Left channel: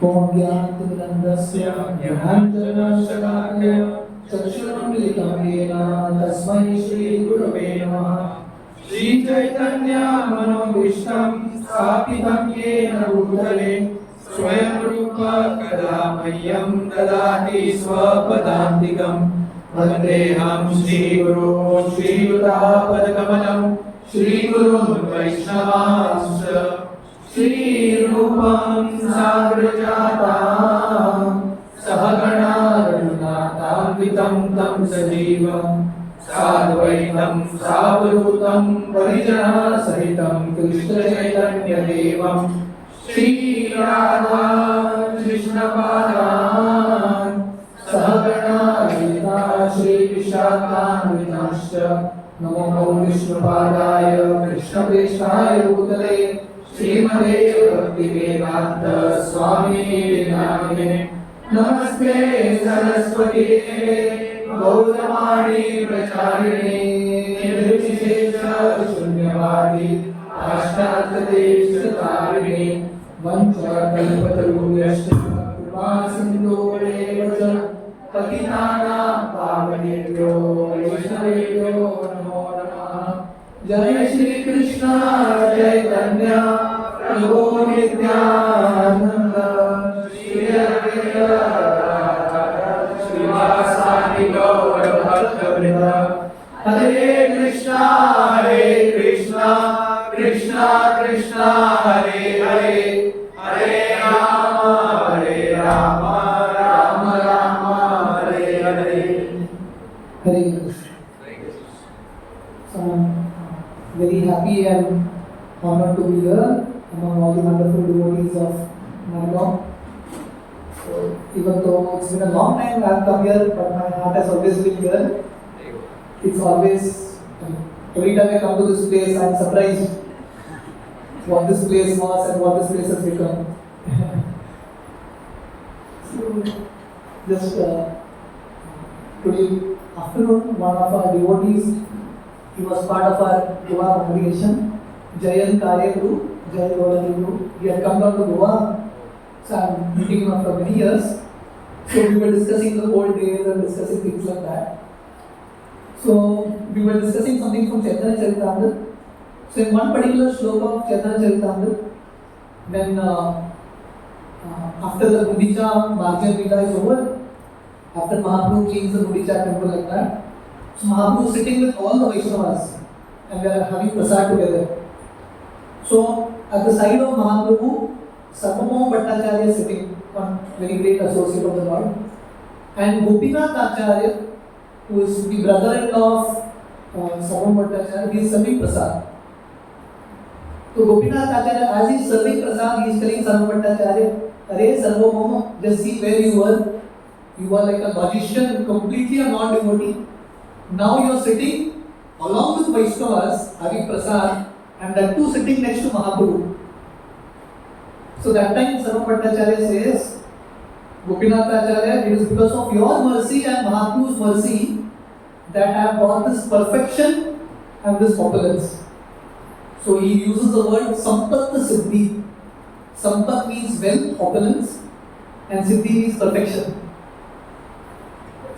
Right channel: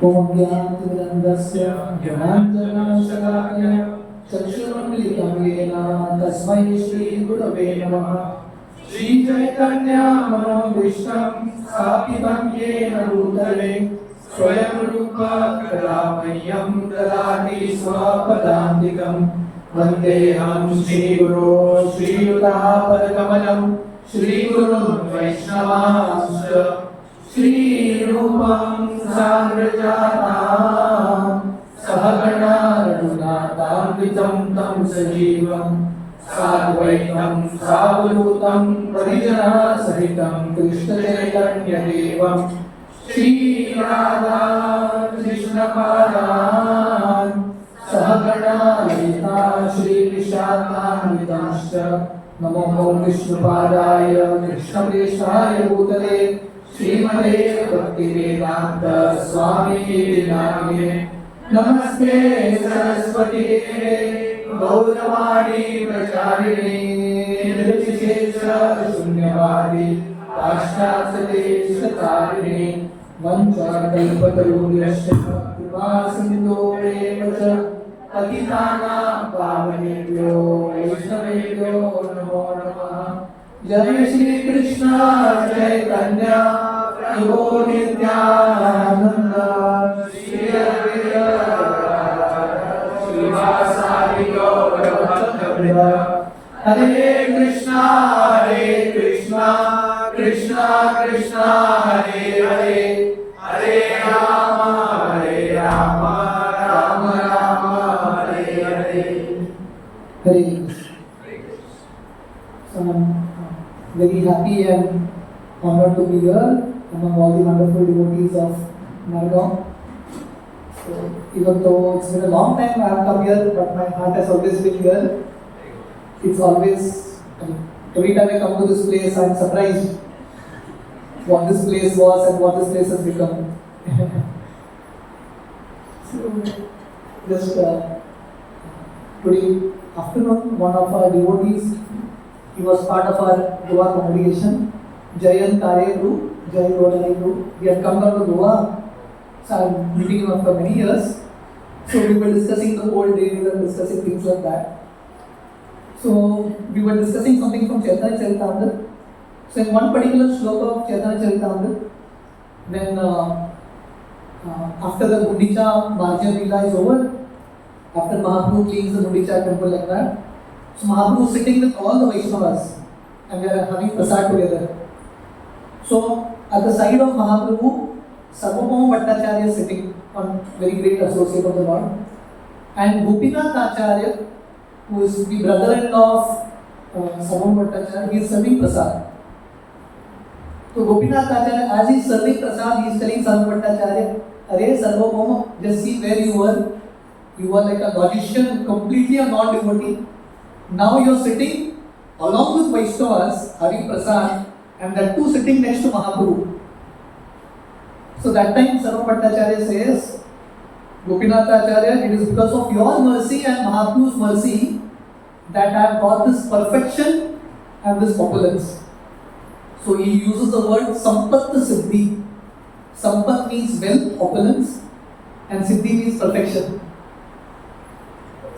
Om Jnanatimirandasya Jnananjana Chakshurumilitam Yena Tasmai Shri Gurave Namaha. Shri Chaitanya Manobhishtam Sthapitam Yena Bhutale Swayam Rupa Kadamayyam Dadati Swapadantikam Vandeham Shri Guru Shri Yudapadakamalam Shri Guru Vaishnavasya Shri Rupam Sagrajatam Sahagana Raghunathan Vitam Tam Sajivam Sadvaitam Savadhutam Parijana Sahitam Krishna Chaitanya Devam Shri Radha Krishna Padam Sahagana Lita Shri Vishakam Vitamscha Namo Vishnu Padaya Krishna Preshaya Bhutale Srimate Bhaktivedanta Swami Vinamine Namaste Saraswati Gauramani Pracharine Nirvishesha Shunyavadi Pashtadhate Satarine Vancha Kalpatarubhyascha Kripa Sindhu Evacha Patitanam Pavanebhyo Vaishnavebhyo Namo Namaha. Jai Shri Krishna Chaitanya Prabhu Nityananda Shri Advaita Srivasadi Gaura Bhaktavrinda Hare Krishna Krishna Krishna Hare Hare Hare Rama Rama Rama Hare Hare. Hare Krishna. Very happy and honored to be here among all the wonderful devotees of Margao. So, even though it's been a long time I have come here, but my heart has always been here. It's always, every time I come to this place, I am surprised what this place was and what this place has become. So, just today afternoon, one of our devotees, he was part of our Goa congregation, Jayan Karya Guru, Jai Gaurani Guru. He had come down to Goa, so I'm meeting him for many years. So we were discussing the old days and discussing things like that. So we were discussing something from Chaitanya Charitamrita. So in one particular shloka of Chaitanya Charitamrita, when after the Gundicha Margao Lila is over, after Mahaprabhu cleans the Gundicha temple like that, so Mahaprabhu is sitting with all the Vaishnavas and we are having prasad together. So at the side of Mahaprabhu, Sarvabhauma Bhattacharya is sitting, one very great associate of the Lord, and Gopinath Acharya, who is the brother-in-law of Sarvabhauma Bhattacharya, he is serving prasad. So Gopinath Acharya, as he is serving prasad, he is telling Sarvabhauma Bhattacharya, Arey Sarvabhauma, just see where you were. You were like a logician, completely a non-devotee. Now you are sitting along with Vaishnavas having prasad, and that too sitting next to Mahaprabhu. So that time Sarvabhauma Bhattacharya says, Gopinath Acharya, it is because of your mercy and Mahaprabhu's mercy that I have got this perfection and this opulence. So he uses the word Sampat Siddhi. Sampat means wealth, opulence, and Siddhi means perfection.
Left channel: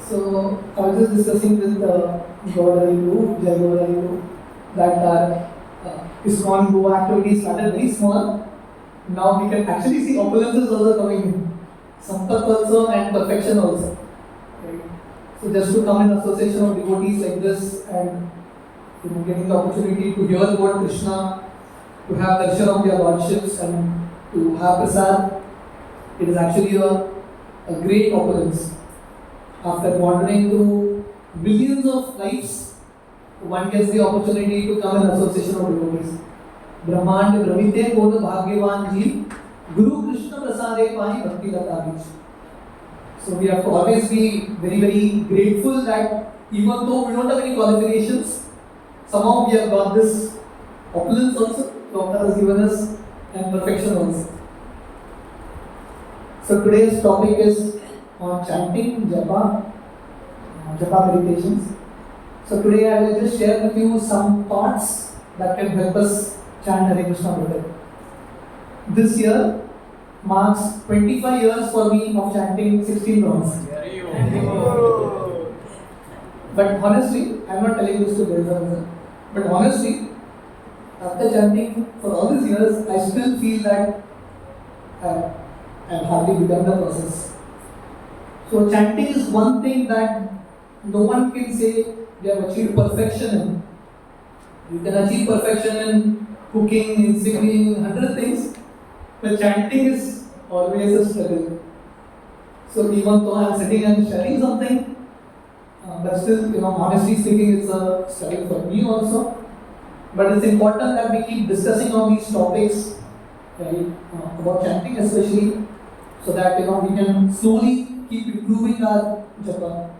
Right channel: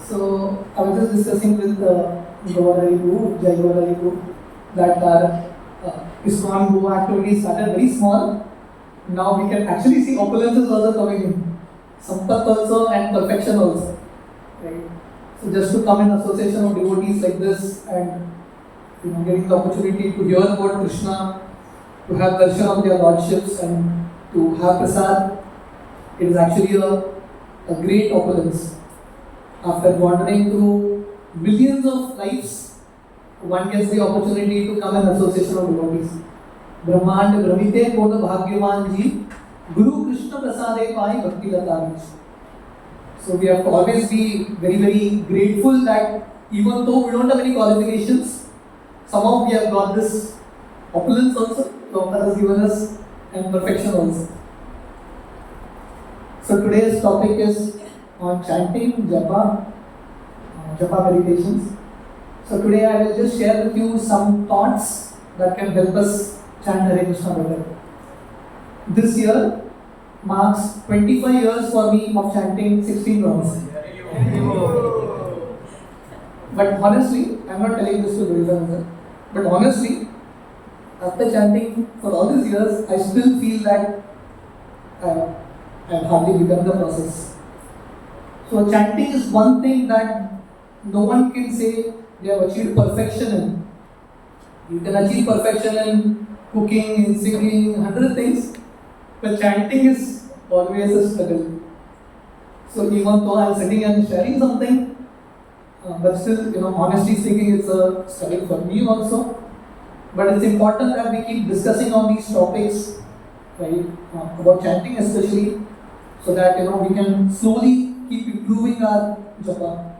So I was just discussing with Gaurani Guru, Jai Gaurani Guru, that our ISKCON Goa activity started very small. Now we can actually see opulences also coming in. Sampat also and perfection also. Right? So just to come in association of devotees like this and getting the opportunity to hear about Krishna, to have darshan of their lordships and to have prasad, it is actually a great opulence. After wandering through billions of lives, one gets the opportunity to come in association of devotees. Brahmand Brahmite Kona Bhagyavan Ji, Guru Krishna Prasade Pai Bhakti Lata. So we have to always be very, very grateful that even though we don't have any qualifications, somehow we have got this opulence also. Prabhupada has given us and perfection also. So today's topic is on chanting, Japa, Japa meditations. So today I will just share with you some thoughts that can help us chant Hare Krishna better. This year, marks 25 years for me of chanting 16 rounds. But honestly, I'm not telling this to Gopal, but honestly, after chanting for all these years, I still feel that I've hardly begun the process. So chanting is one thing that no one can say they have achieved perfection in. You can achieve perfection in cooking, in singing, 100 things, but chanting is always a struggle. So even though I'm sitting and sharing something, but still, honestly speaking, it's a struggle for me also. But it's important that we keep discussing on these topics, right? About chanting especially, so that we can slowly keep improving our japa.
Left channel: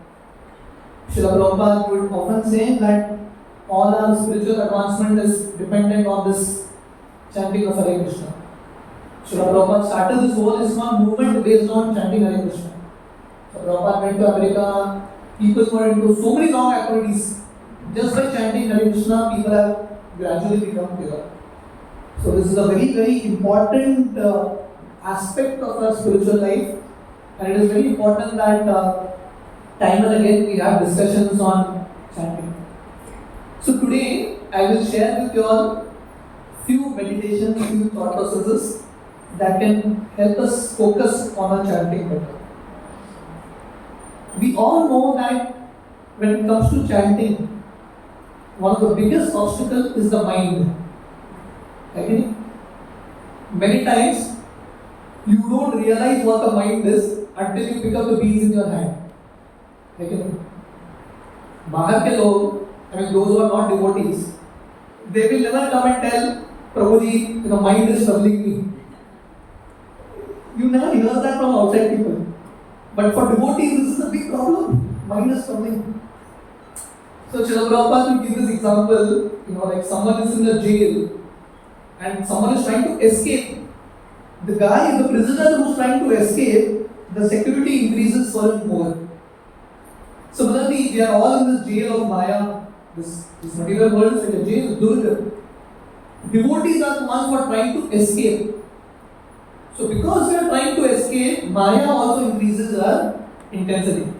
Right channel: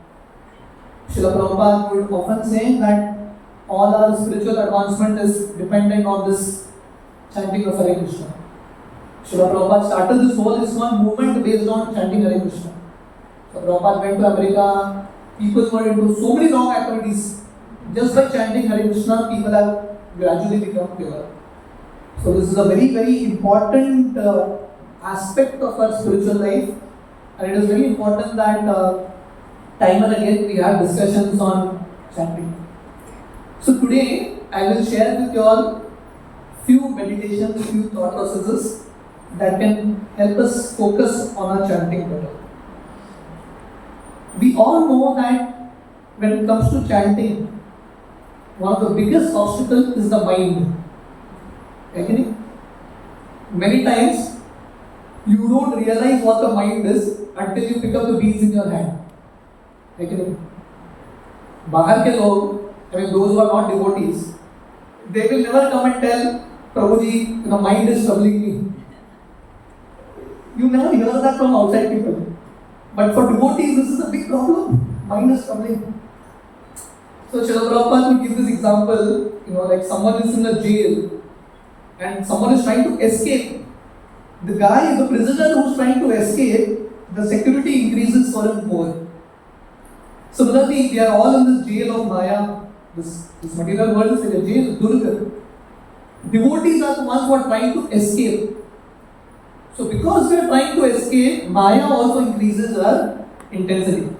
Srila Prabhupada would often say that all our spiritual advancement is dependent on this chanting of Hare Krishna. Srila Prabhupada started this whole ISKCON movement based on chanting Hare Krishna. So Prabhupada went to America, people were into so many wrong activities. Just by chanting Hare Krishna, people have gradually become pure. So this is a very, very important aspect of our spiritual life, and it is very important that time and again we have discussions on chanting. So today I will share with you all few meditations, few thought processes that can help us focus on our chanting better. We all know that when it comes to chanting, one of the biggest obstacles is the mind. Agree? Many times you don't realize what the mind is until you pick up the beads in your hand. Agree? Bahar ke log, those who are not devotees, they will never come and tell Prabhuji, mind is troubling me. You never hear that from outside people. But for devotees, this is a big problem. Mind is troubling. So Srila Prabhupada will give this example, like someone is in a jail and someone is trying to escape. The guy, the prisoner who is trying to escape, the security increases for him more. Similarly, we are all in this jail of Maya. This material world is like a jail, Durga. Devotees are the ones who are trying to escape. So because we are trying to escape, Maya also increases our intensity.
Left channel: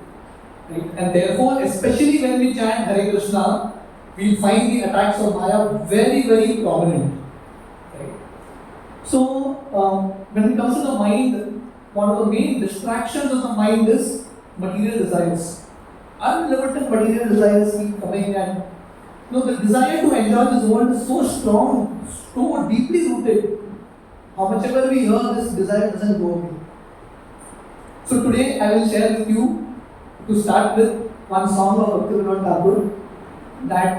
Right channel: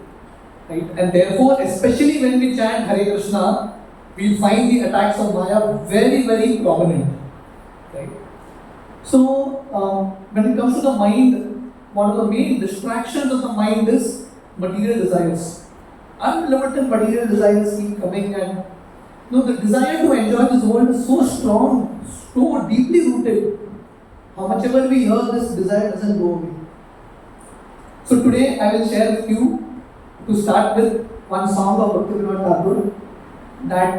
Right? And therefore, especially when we chant Hare Krishna, we find the attacks of Maya very, very prominent. Right? So, when it comes to the mind, one of the main distractions of the mind is material desires. Unlimited material desires keep coming, and the desire to enjoy this world is so strong, so deeply rooted. How much ever we hear, this desire doesn't go away. So today I will share with you, to start with, one song of Bhaktivinoda Thakur that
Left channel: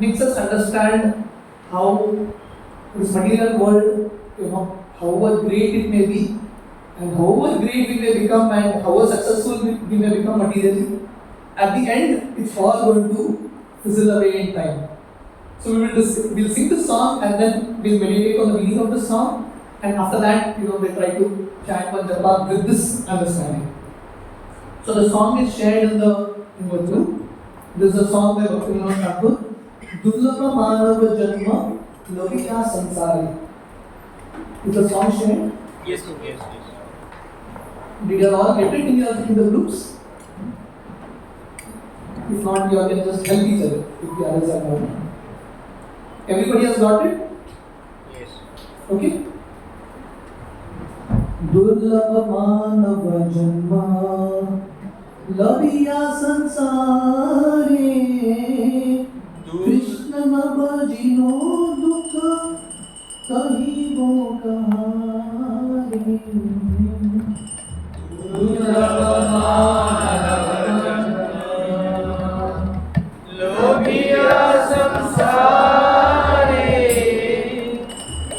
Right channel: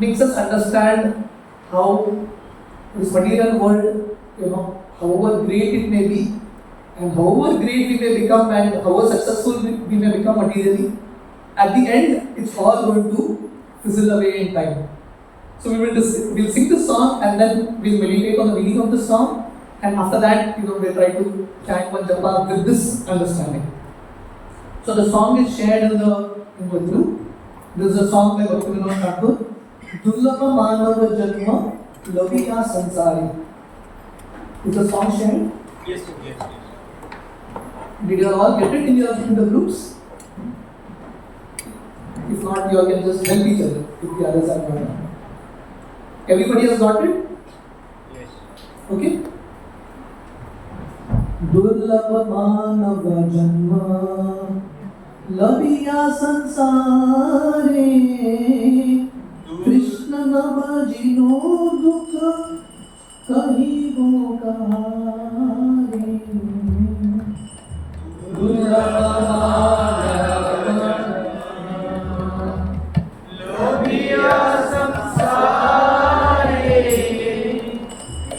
makes us understand how this material world, however great it may be, and however great we may become and however successful we may become materially, at the end it's all going to fizzle away in time. So we'll sing this song and then we'll meditate on the meaning of the song, and after that, we'll try to chant one japa with this understanding. So the song is shared in the group. This is a song by Bhaktivinoda Thakur. Durlabha Manava Janma Laviya Sansari. Is the song shared? Yes. Did you all get it in the groups? If not, you all can just help each other if the others are not. Everybody has got it? Yes. Okay? Durlabha Manava Janma Laviya Sansare Krishna Nabhajino Dukha Kahi Bo Kahare Durlabha Manava Laviya Sansare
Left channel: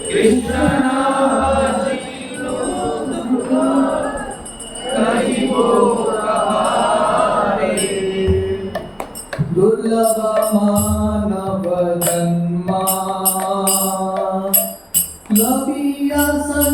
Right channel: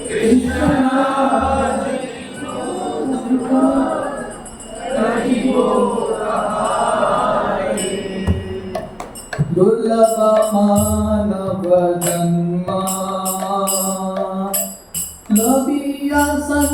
Krishna Nabhajino Dukha Kahi Bo Durlabha Manava Janma Laviya Sansare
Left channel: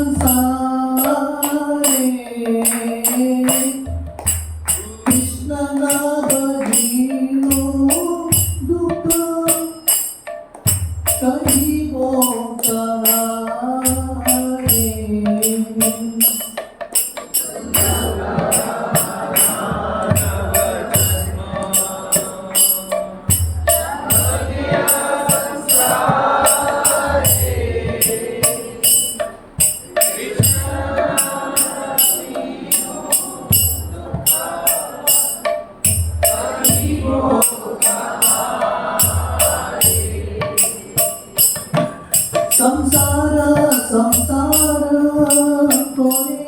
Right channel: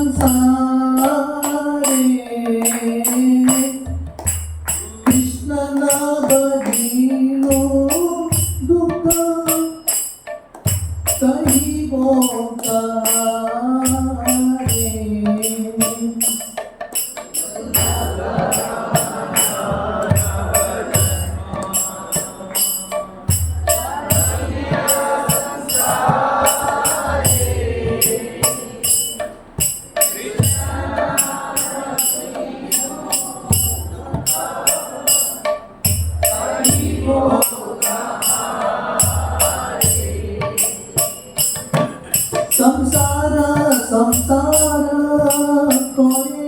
করে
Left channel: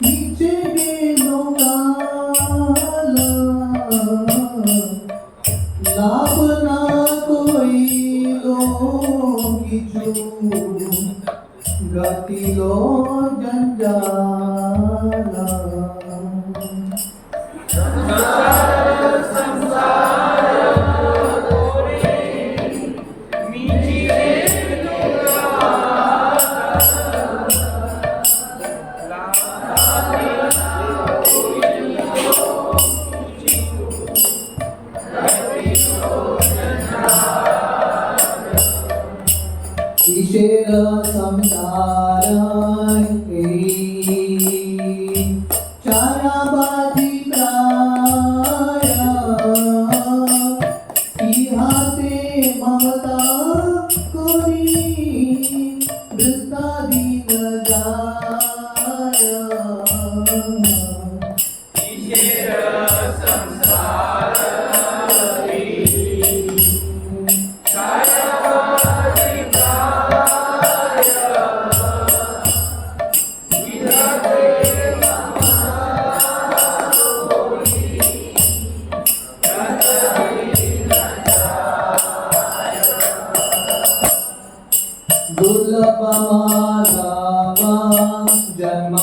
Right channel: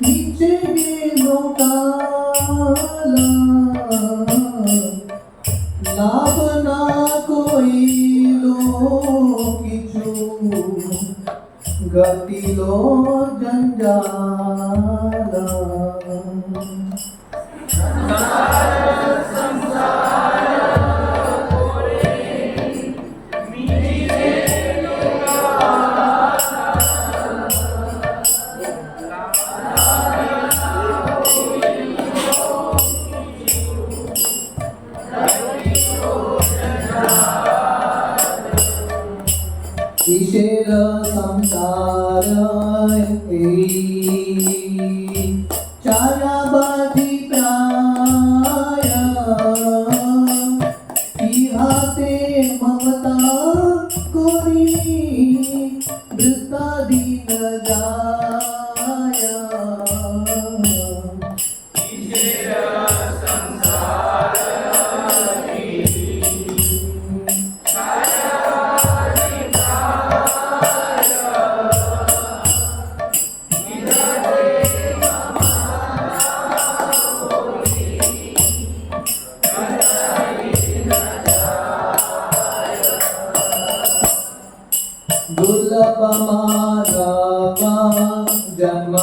নিচে গেল কালা লাভ না কইল কিছু গতিল জঞ্জালা কিসের সংসার ছায়াবাদী প্রায় ইহাতে মমতা করি বৃত্তাধীন যায় दुर्लभ मानव जन्म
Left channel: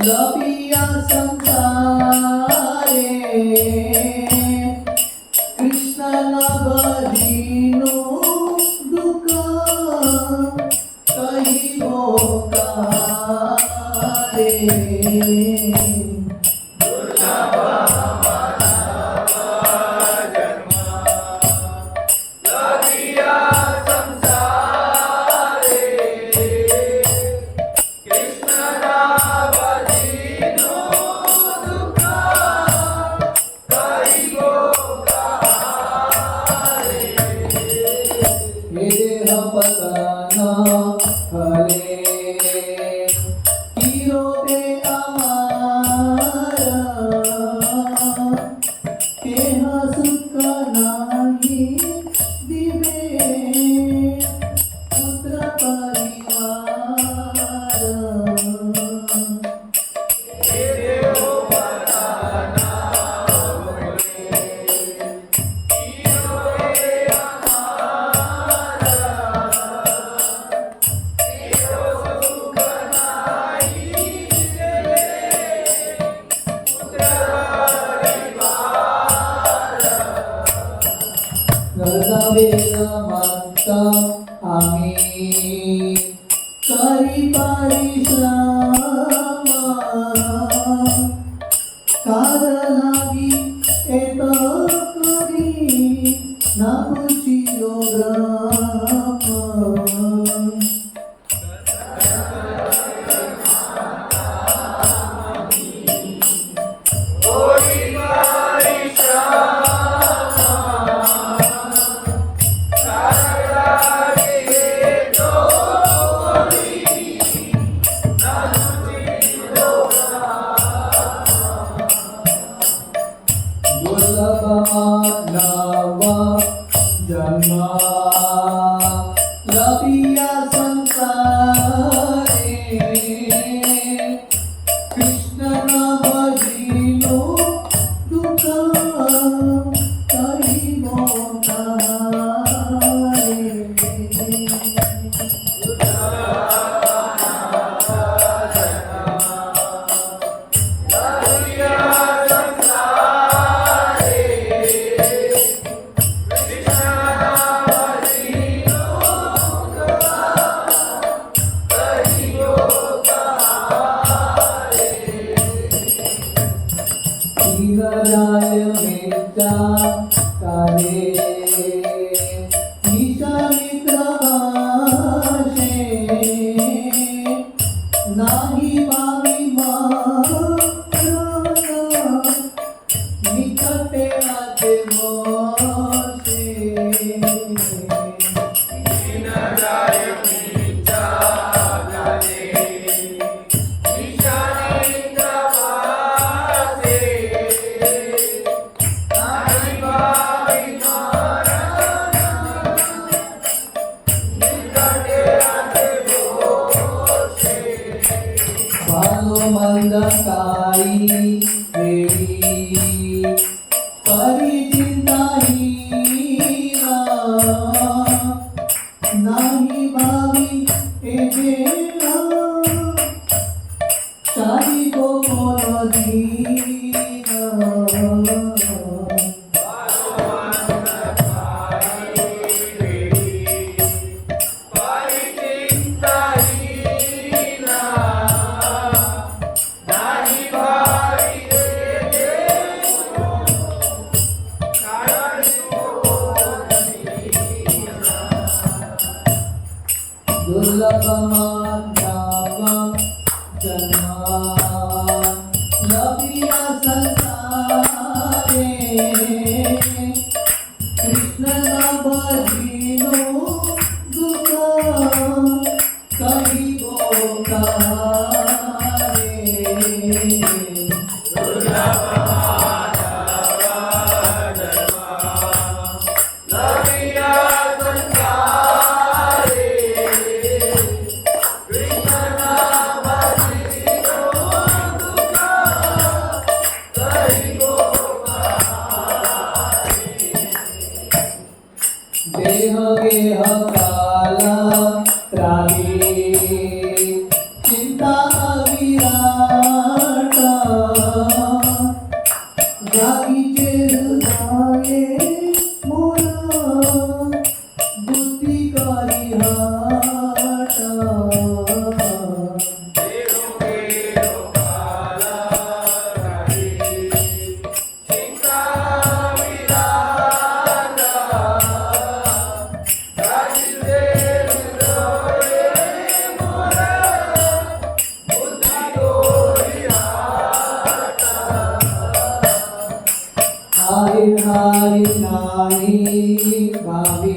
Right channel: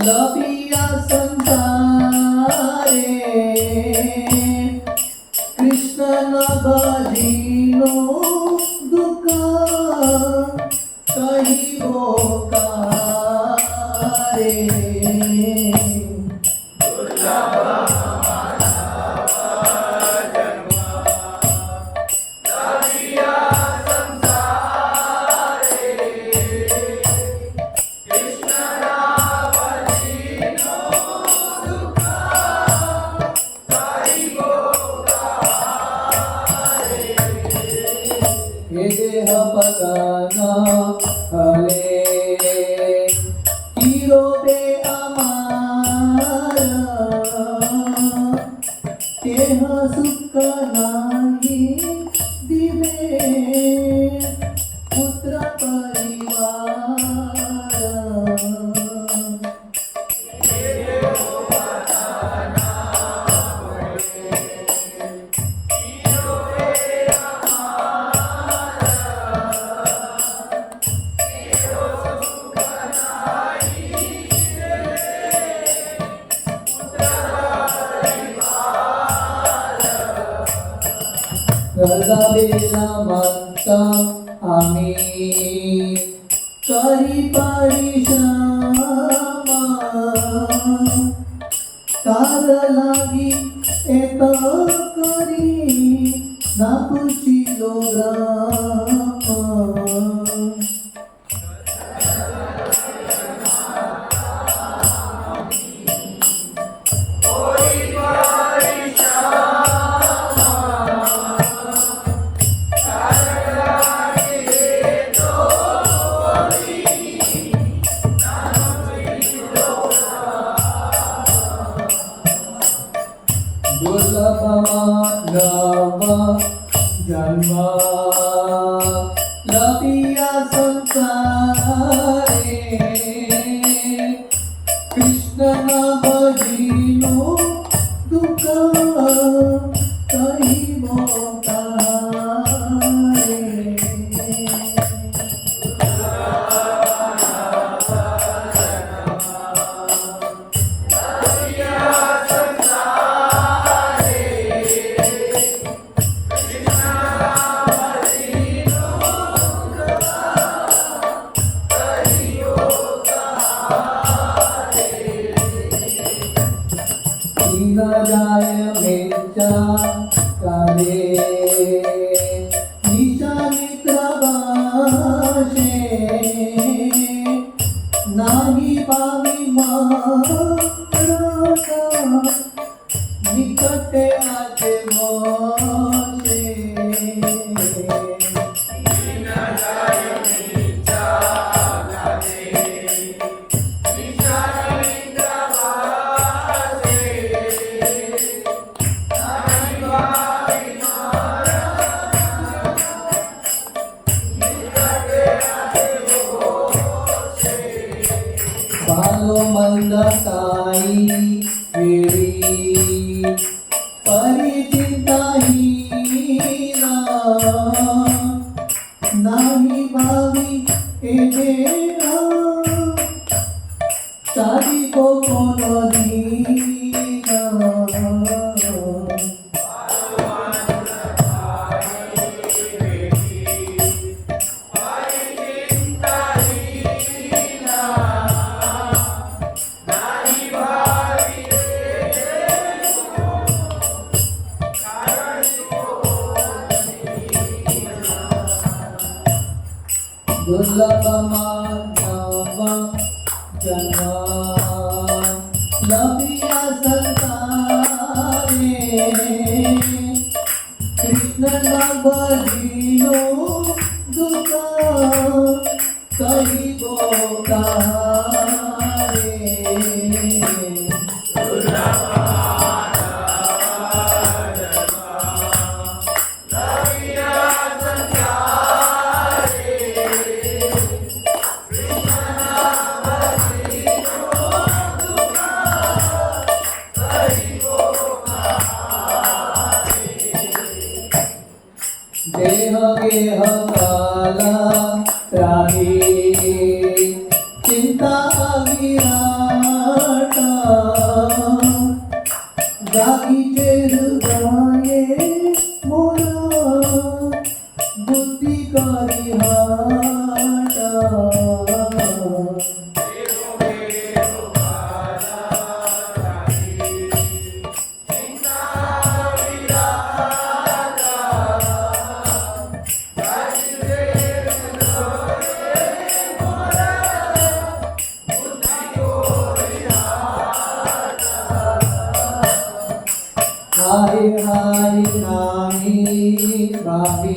लभिया संसारे कृष्ण न भजिनो दुख कहिबो कारे पकाना हले कीरोते अमारा तेह सुख नाही दिवे पुत्र परिवार आमी करी परिश्रमा कार लागी एत करी ना पुछियो ग्राम मानव जन्म लभिया संसारे कृष्ण न भजिनो दुख कहिबो कारे जाय मेचा काले निशा मित्र भाषे नाही पावी निकटे आचे मोसे मंदकाई मेरी परिचिंता हीरा नाही भावी ए देवा चारी को दीना दुर्लभ मानव जना लभिया संसारे कृष्ण नाम भजिनो दुख कही बोकारे देह गेह काला राही चिंता विराटा जागीचे हृदये मोरा बुद्धी करी हाटा हाय हाय नाही भावी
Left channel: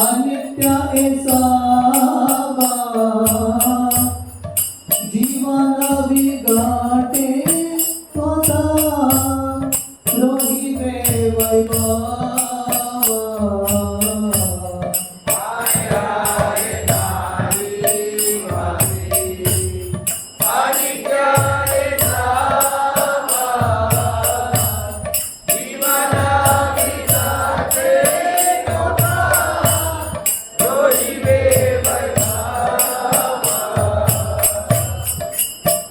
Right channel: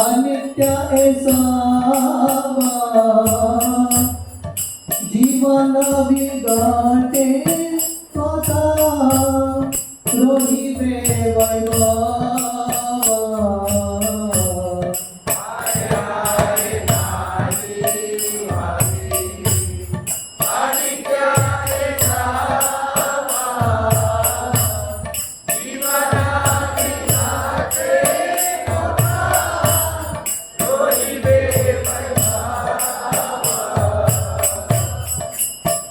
अनित्य ऐसा जीवन बिगाटे स्वतः रोही देवैवा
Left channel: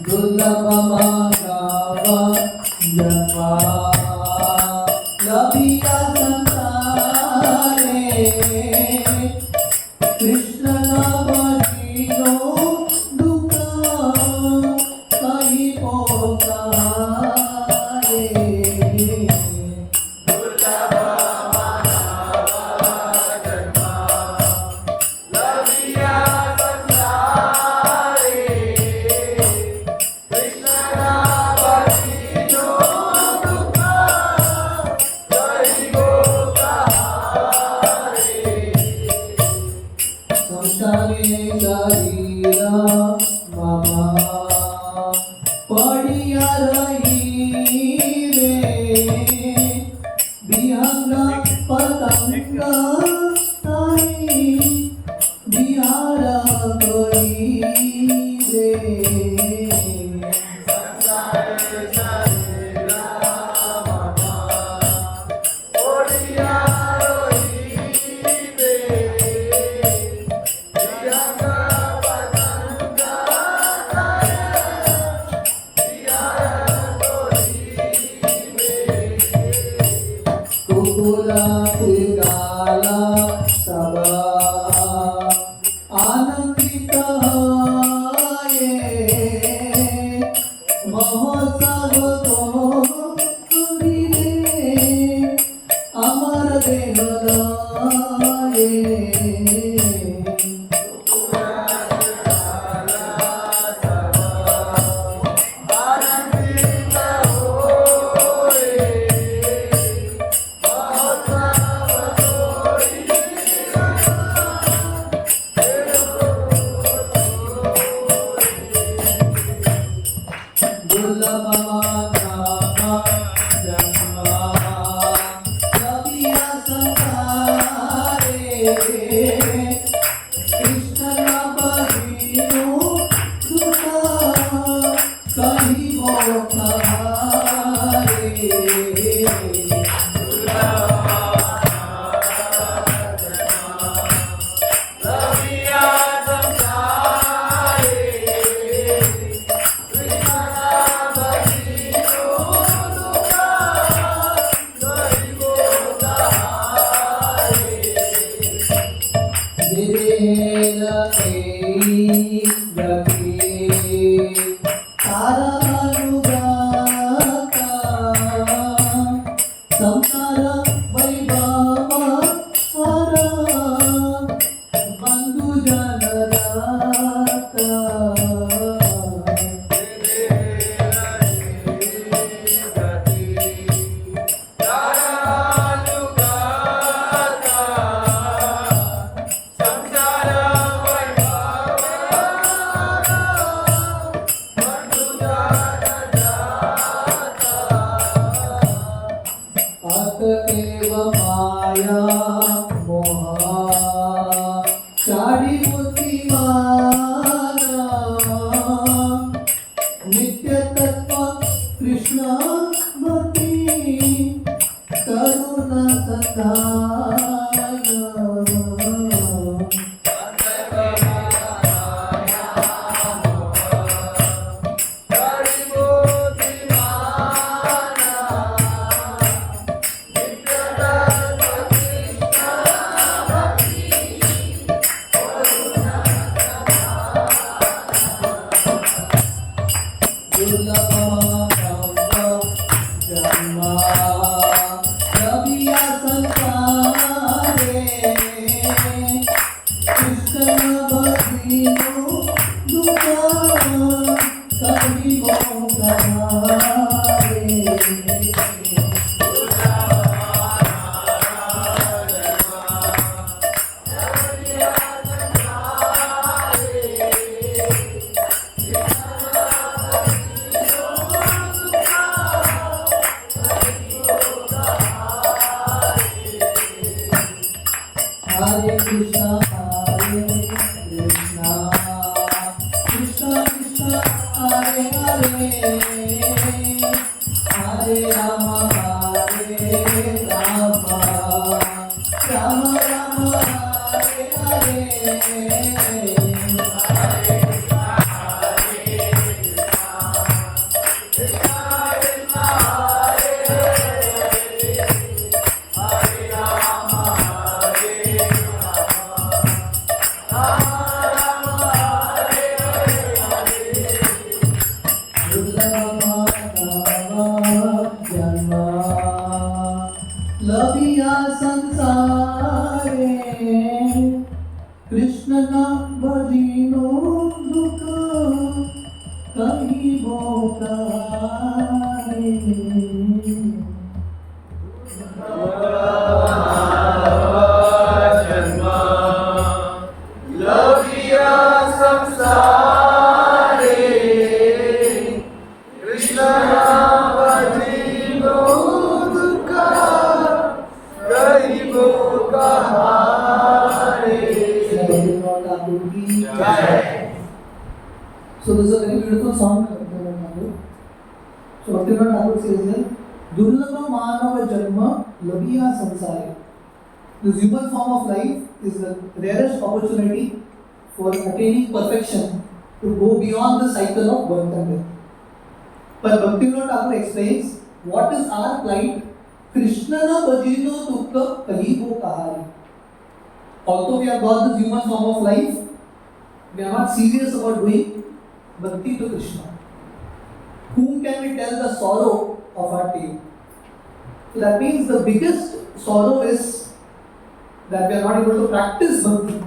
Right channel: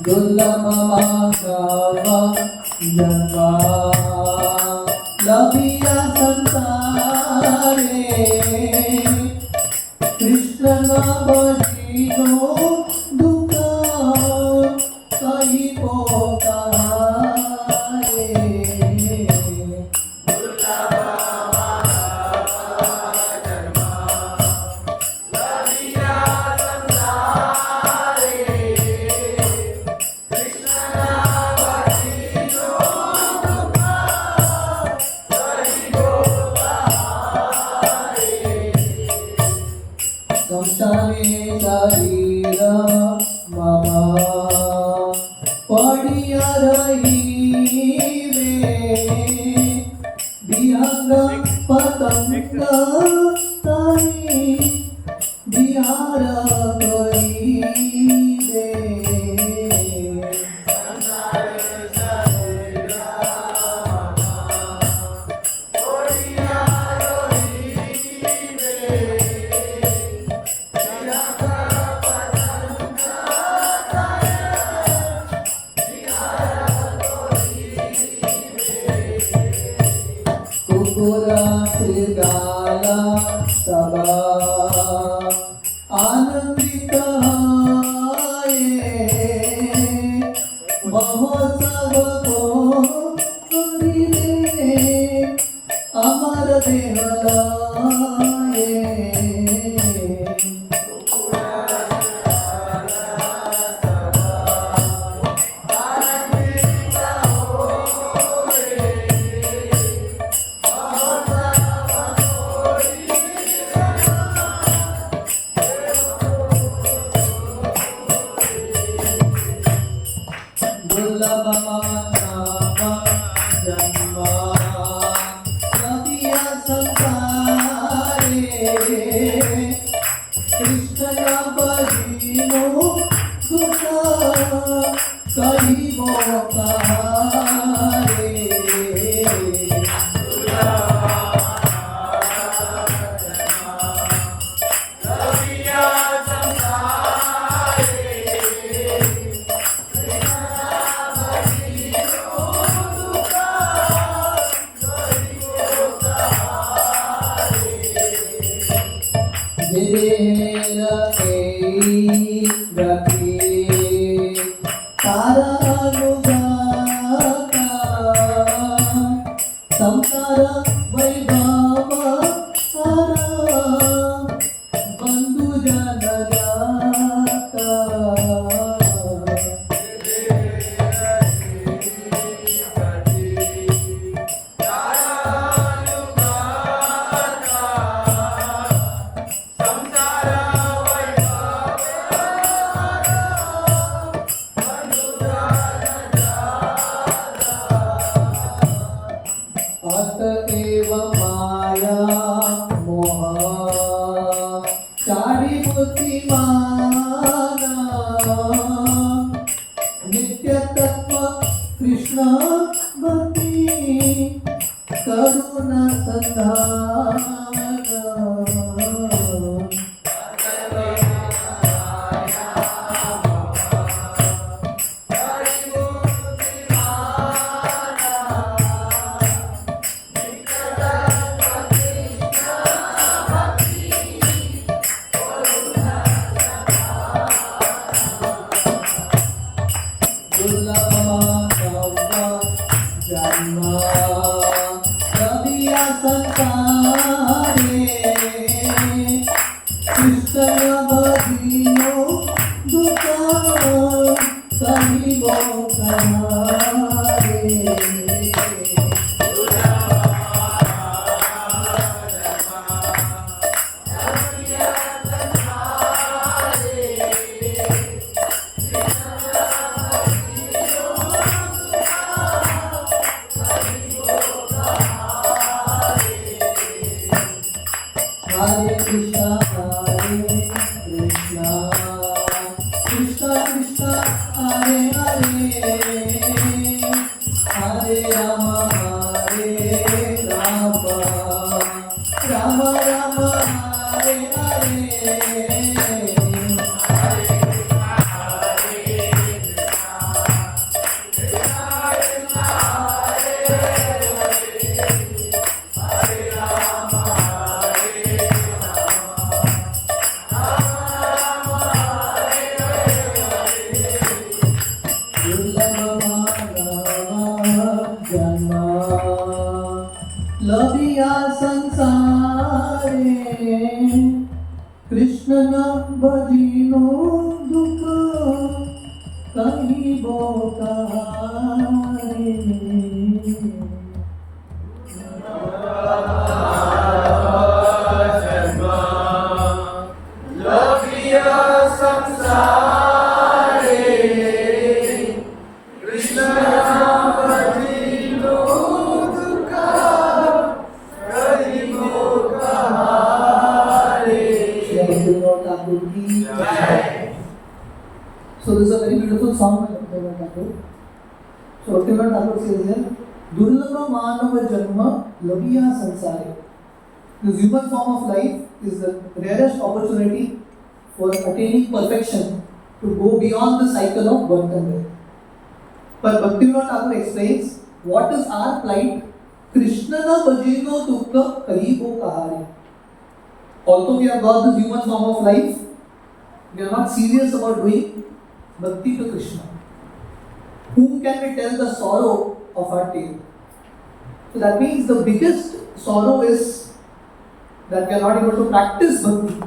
दुर्लभ मानव जन्मा लभिया संसारे कृष्ण नाम भजिनो दुख कही पोकारे संसारे शरीरा मामा पड़िया रही रे विहंग पतंग ताई बिहार करी रे कुकुरा श्रीगाला सदा आनंदित हाये महोत्सव को करिले अमर देह लाये कृष्ण गति तारानुगाता संसार वैभव सारा बंधु जनदाता अतएव माया मोह चारि बुद्धिमाना नित्य तत्व कृष्ण भक्ति करुणा संधान Hare Krishna, Krishna Krishna, Hare Hare, Hare Rama, Hare Rama, Rama Rama, Hare Hare. लबिया संसारे कृष्ण नाम भजिनो दुख कहीं बोकारे लबिया संसारे कृष्ण नाम भजिनो So this is a very beautiful song by Bhaktivinoda Thakur. So Bhaktivinoda Thakur says here, Durlabha Manava Janma Labiya Sansare. This human form of life is the rarest opportunity for attaining perfection to go beyond the cycle of birth and death. But Bhaktivinoda Thakur explains what is our plight. Krishna na bhajino dukha kahibo kahari. Although we have got this human form of life, we are not serious about doing bhakti to Krishna. Whom can we tell the sorrow of our tale? So that means the biggest sorrow is that we are not able to practice bhakti.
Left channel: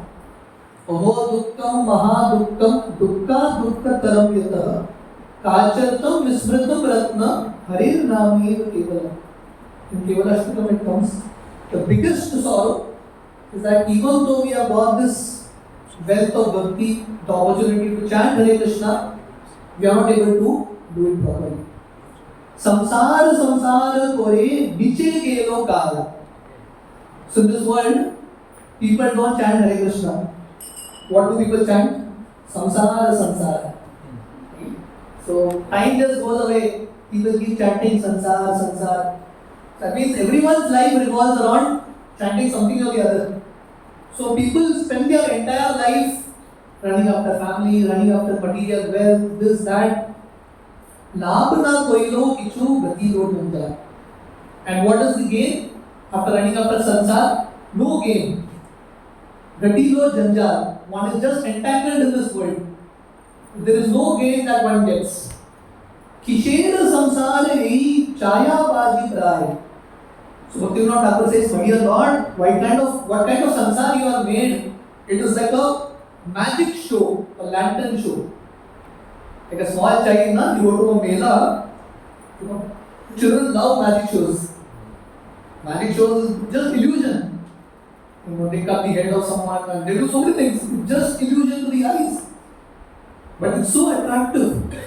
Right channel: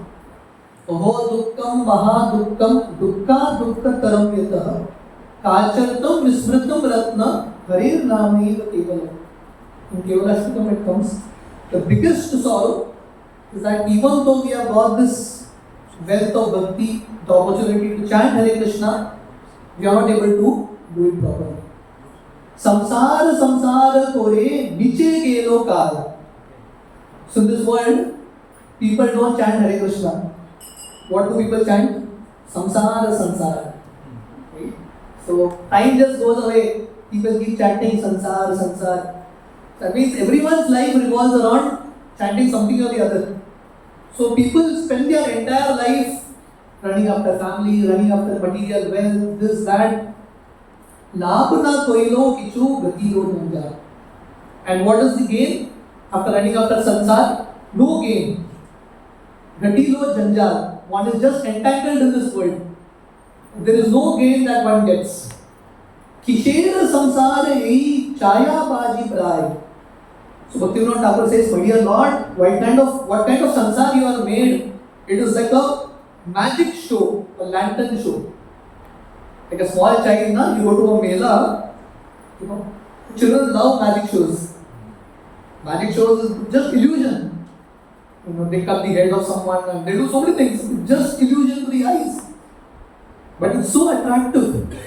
Aho dukkam maha dukkam dukkha dukkha taram yatah kachartam vismritam ratna harir nameva kevalam. In Kevalashtakam it comes, the biggest sorrow is that even though we have got this wealth of bhakti, the opportunity to chant Hare Krishna, we are not able to do it properly. Samsara samsara kore biche gelo kal. So in this world, people don't chant Hare Krishna. What do people chant? Samsara samsara. Okay. So time just goes away. People keep chanting samsara samsara. That means everyone's life revolves around chanting something or the other. So people spend their entire life running after family, running after material wealth, this, that. Labh na koilo kichu gati lo nanja. And what is the gain? After running after sansar, no gain. Gati lo janjal. One is just entangled in this world. there is no gain that one gets. Kishera samsara ei chaya baji prai. So Bhaktivinoda Thakur says, my dear Lord, what kind of samsara you have made? It is like a magic show, a lantern show. Like a small child, na, you go to a mela, children love magic shows. Magic shows is just illusion. They cut the head of someone and they do so many things. It's just illusion to the eyes. But it's so attractive.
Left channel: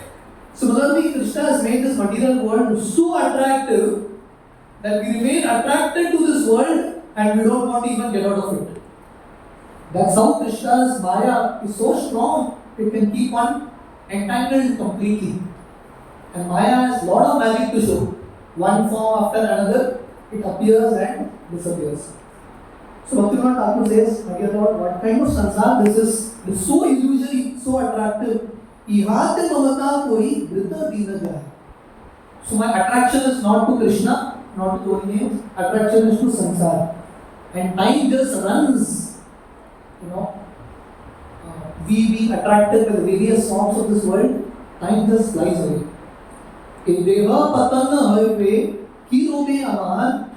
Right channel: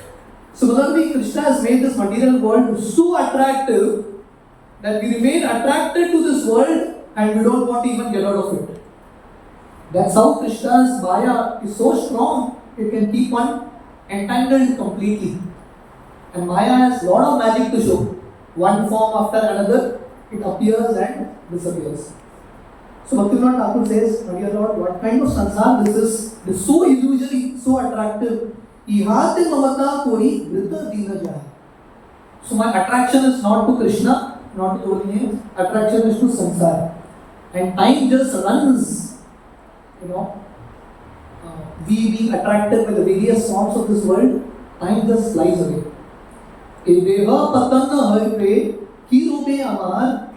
Similarly, Krishna has made this material world so attractive that we remain attracted to this world and we don't want to even get out of it. That's how Krishna's Maya is so strong, it can keep one entangled completely. And Maya has a lot of magic to show. One form after another, it appears and disappears. So Bhaktivinoda Thakur says, my dear Lord, what kind of sansar this is? It is so illusory, so attractive. Ihate mamata koi vrita dina jaya. So my attraction is not to Krishna, not to holy names. Attraction is to sansar. And time just runs. We being attracted by the various forms of this world, time just flies away. Deha patanna harpe ki robe amar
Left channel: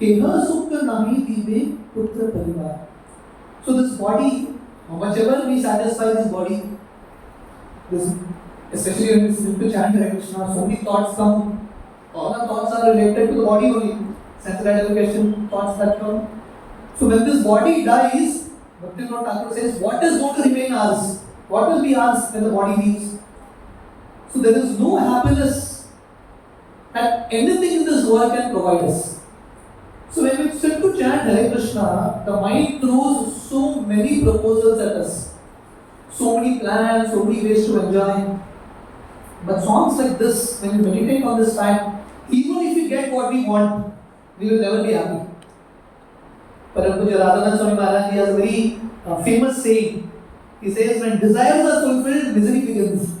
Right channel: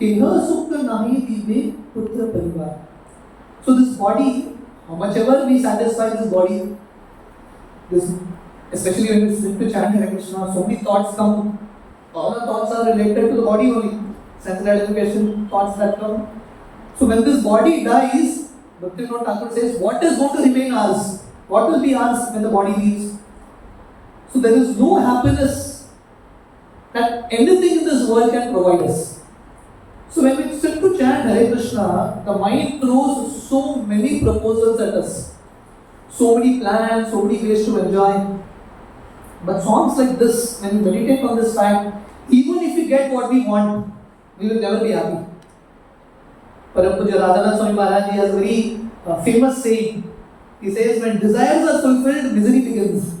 keha sukha nahi dive putra parivar. So this body, how much ever we satisfy this body, especially when we sit to chant Hare Krishna, so many thoughts come. All our thoughts are related to the body only. Sense gratification, thoughts that come. So when this body dies, Bhaktivinoda Thakur says, what is going to remain ours? What will be ours when the body leaves? So there is no happiness that anything in this world can provide us. So when we sit to chant Hare Krishna, the mind throws so many proposals at us. So many plans, so many ways to enjoy. But songs like this, when we meditate on this fact, even if we get what we want, we will never be happy. Prabhuji Radhanath Swami Maharaj has a very famous saying. He says, when desires are fulfilled, misery begins.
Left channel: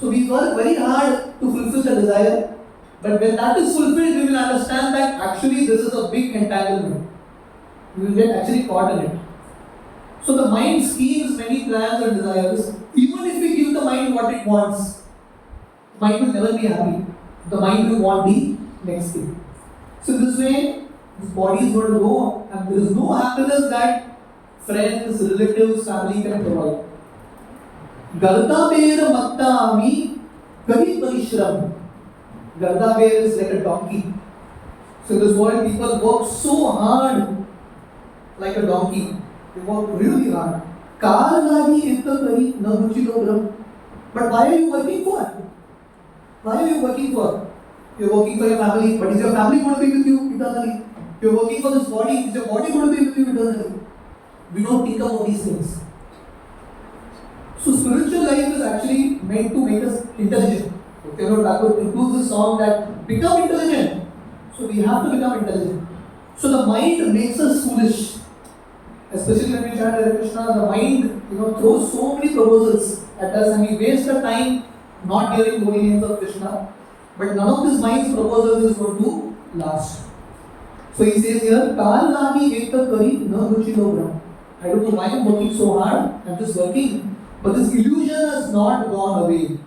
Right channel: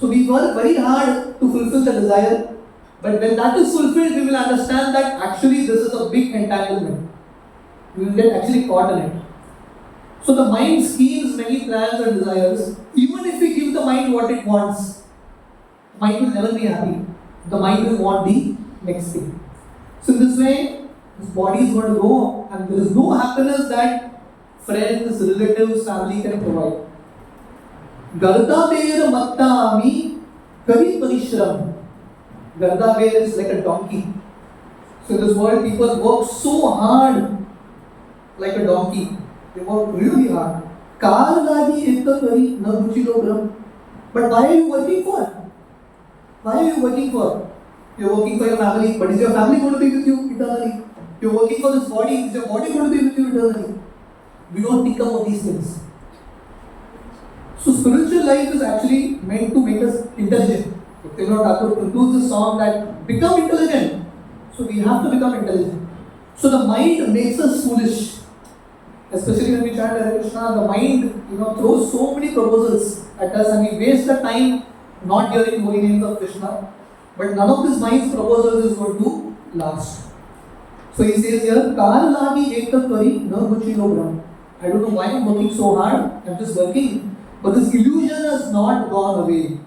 So we work very hard to fulfill the desire, but when that is fulfilled, we will understand that actually this is a big entanglement. We will get actually caught in it. So the mind schemes many plans and desires. Even if we give the mind what it wants, the mind will never be happy. The mind will want the next thing. So this way, this body is going to go, and there is no happiness that friends, relatives, family can provide. Garda bear mattami kari parishram. Garda bear is like a donkey. So in this world, people work so hard like a donkey. They work really hard. Kar lagi ekta kari na ruchilo gram. But why are you working for? Why are you working for? You're working for your family, but is your family going to be with you eternally? You're working for this body, is your body going to be with you eternally? We don't think about these things. So spiritual life is actually meant to make us intelligent. Bhaktivinoda Thakur concludes this song that become intelligent. So we have to become intelligent. So the mind makes us foolish. Especially when we chant Hare Krishna, the mind throws so many proposals at us and we waste the time not hearing holy names of Krishna. But none of this mind's proposals is going to last. So he says here, Kar lagi ekta kari na muchilo gram. I don't know why I'm working so hard. I'm just working. But this illusion has not gone away.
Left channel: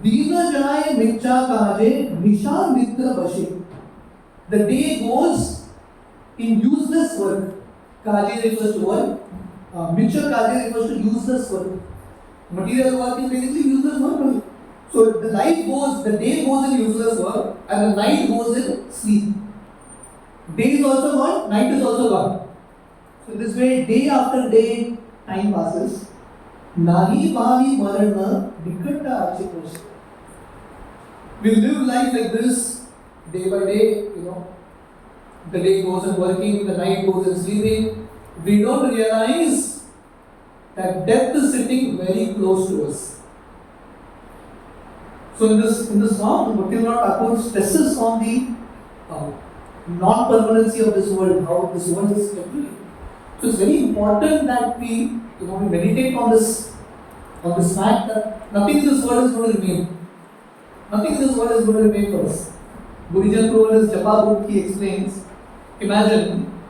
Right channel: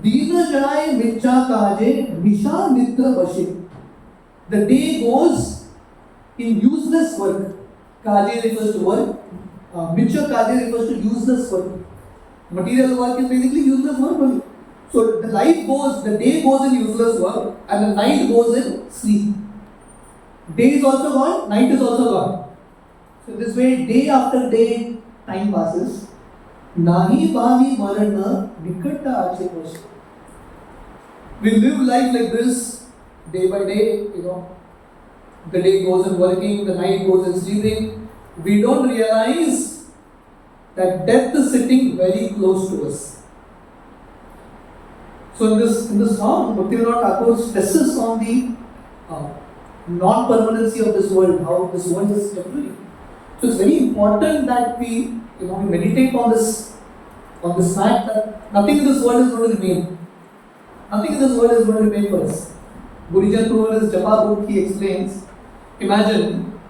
Dina jai micha kaje nisha mitra bashe. The day goes in useless work. Kaje refers to work. Micha kaje refers to useless work. Material work is basically useless work only. So the day goes in useless work and the night goes in sleep. Day is also gone, night is also gone. So this way, day after day, time passes. Nahi bhavi marana nikata ache. We live life like this, day by day, The day goes in working, the night goes in sleeping. We don't realize that death is sitting very close to us. So in this song, Bhaktivinoda Thakur stresses on the non-permanency of this world, how this world is temporary. So it's very important that we meditate on this fact that nothing in this world is going to remain. Nothing in this world is going to remain for us. Gurijan Prabhu in his Japa book, he explains, imagine,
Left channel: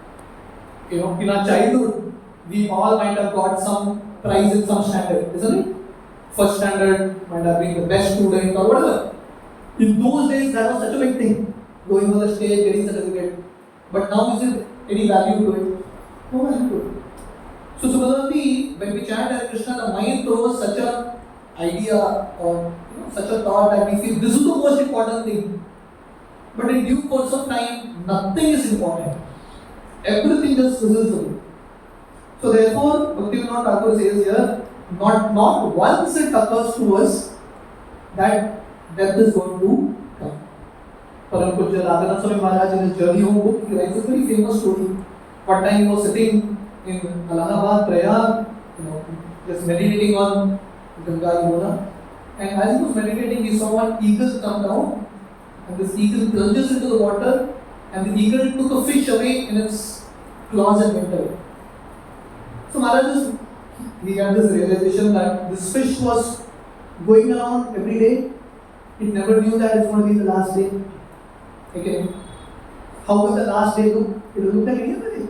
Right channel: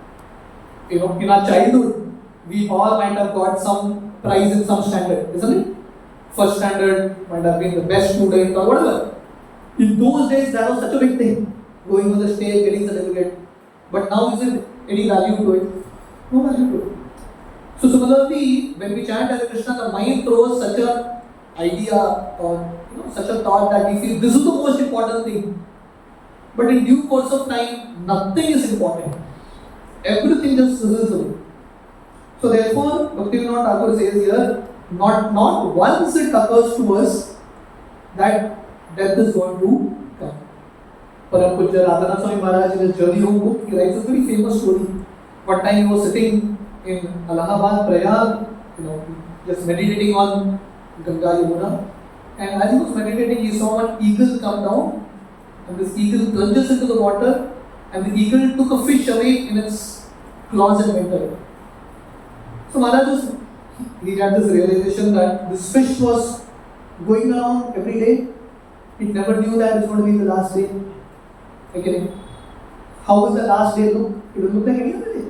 in our childhood, we all might have got some prize in some standard, isn't it? first standard, might have been the best student or whatever. In those days, that was such a big thing. Going on the stage, getting certificate. But now, is it any value to it? No value to it. So similarly, when we chant Hare Krishna, the mind throws such a idea or such a thought that we feel this is the most important thing. But in due course of time, nothing is important. Everything just fizzles away. So therefore, Bhaktivinoda Thakur says here, not once it occurs to us that death is going to come. Param Pujya Radhana Swami Maharaj in his journey home book, he writes a very famous story. One time he was sitting in Allahabad, Prayag, just meditating on Ganga Yamuna. And as he was meditating, he saw one eagle come down. And this eagle plunges into the water. And the eagle took a fish away in its claws and went away. So Maharaj he had this realization that this fish was going around every day. It never knew that it's going to be the last day. Okay. How will the last day look? It will look like any other day.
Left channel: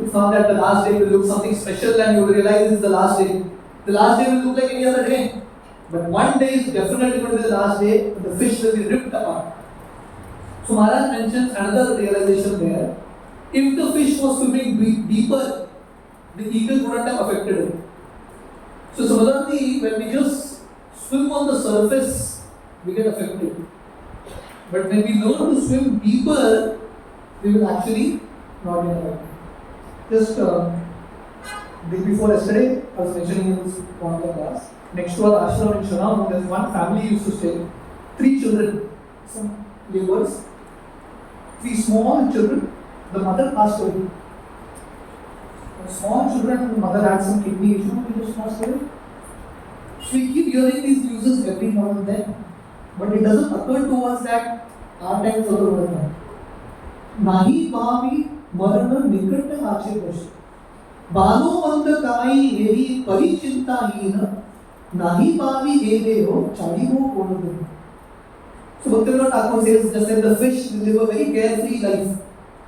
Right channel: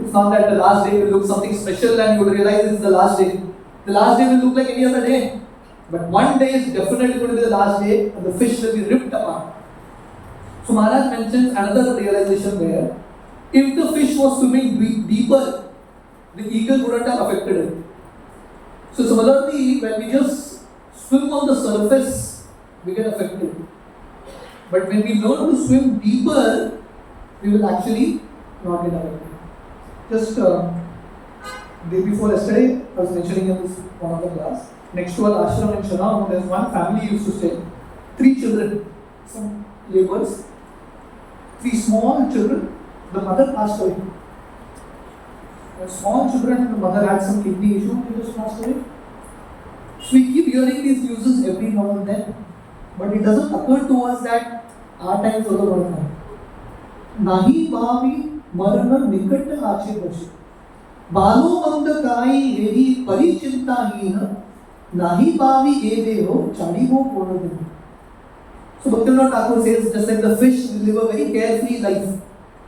It's not that the last day will look something special and you will realize it's the last day. The last day will look like any other day. But one day is definitely going to be the last day and the fish will be ripped apart. So Maharaj mentions another realization there. If the fish was swimming deeper, the eagle wouldn't have affected it. So similarly, when we just swim on the surface, we get affected. But when we learn to swim deeper, we will actually not get affected. Just day before yesterday, I was mentioning in this one of the class. Next to our ashram in Shanam, there's one family used to stay. 3 children, some laborers, 3 small children. The mother passed away. Small children, the mother had some kidney issue and they just passed away. So we keep hearing these news every now and then, but it doesn't occur to us that our time is also going to come. Nahi bhavi marana nikat ache bashi. Balo mand kai eri parichinta hina. Nahi bhavi e deho chadiho konadu. So Bhaktivinoda Thakur says, just like the fish, we live a very carefree life.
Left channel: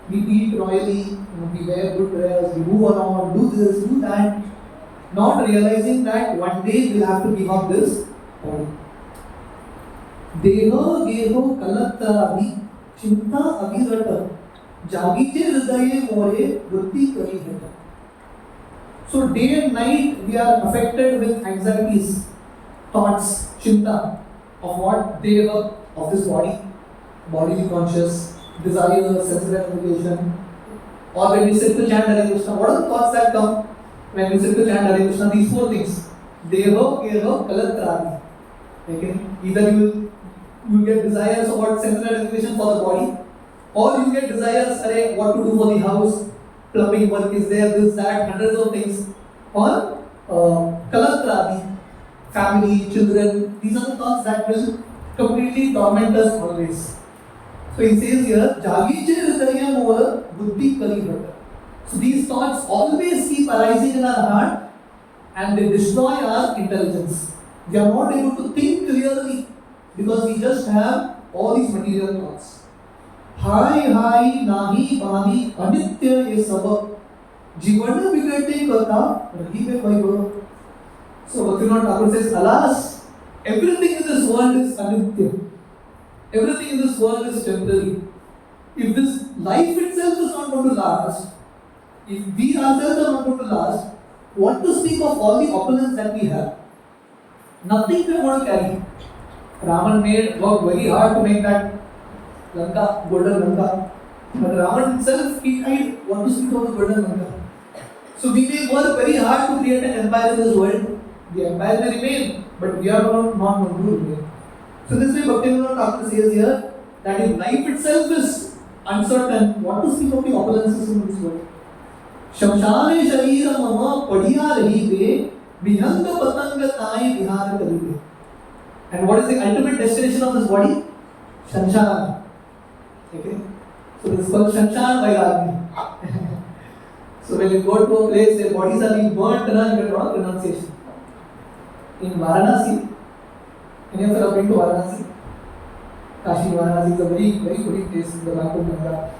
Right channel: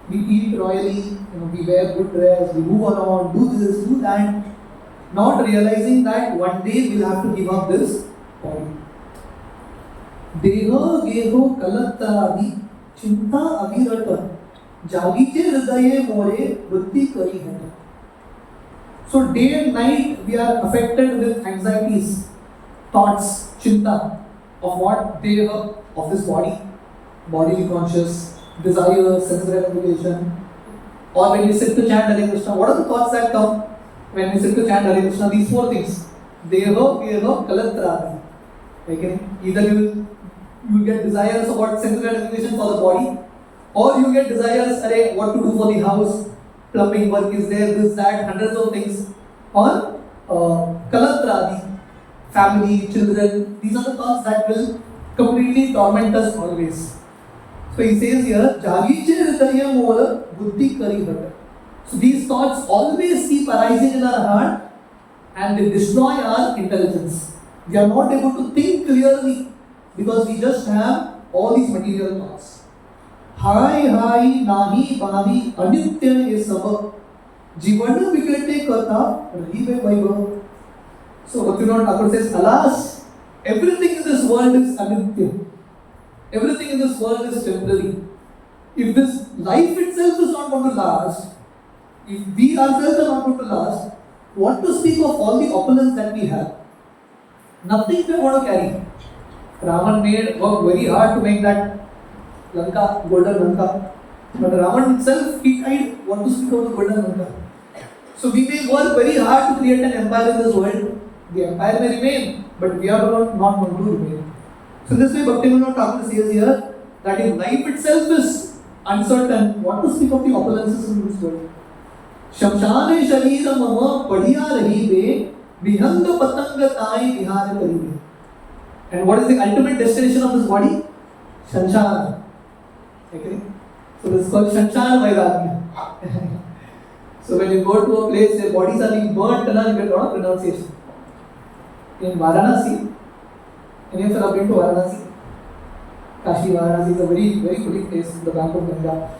We eat royally, we wear good dress, we move around, do this, do that, not realizing that one day we'll have to give up this body. Deho geho kalatradi chinta abhirata jagiche hridaye more buddhi kari hai. So day and night we are affected with anxieties, thoughts, chinta of what they were of this body, bodily conscious, desire, sense gratification. Or when we sit to chant Hare Krishna, what are the thoughts that come when we sit to chant Hare Krishna? These 4 things. Deho, Geho, Kalatradi. Okay? Either you will get desires about sense gratification for the body, or you get desires what to do for the house, plumbing work is there, this, that, hundreds of things. Or Kalatradi, family, children. These are the thoughts that will completely torment us always. So he says here, Jagiche hridaya mora buddhi kari bata. So these thoughts always keep arising in our heart and they destroy our intelligence. We are not able to think clearly because we just have all these material thoughts. Hai hai nahi bhavi anitya ye sabab jivana vikate katha rahibe vaibhav. So Bhaktivinoda Thakur says, alas, everything in this world is anitya. Everything in this world is temporary. If this life itself is not going to last, if we ourselves are not going to last, what to speak of all the opulence that we have? Nothing we want to carry. Ravan worked very hard to make that Lanka, golden Lanka. But Ravan himself, he tried what to speak of the golden Lanka. So we may work very hard to create an empire in this world. The empire may remain, but we are not going to remain. So this way Bhaktivinoda Thakur says here that if life itself is uncertain, what to speak of the opulences in this world? Shamshane sharira mama padiya rahibe vihanga patanga tai vihar karibe. And what is the ultimate destination of this body? Shamshan. Okay? So this is called Shamshan Vairagya. So when you go to a place, the bodies are being burnt, you get a lot of renunciation. In Varanasi, any of you have been to Varanasi? Kashi Varanasi is a very, very holy place in the bank of Ganga.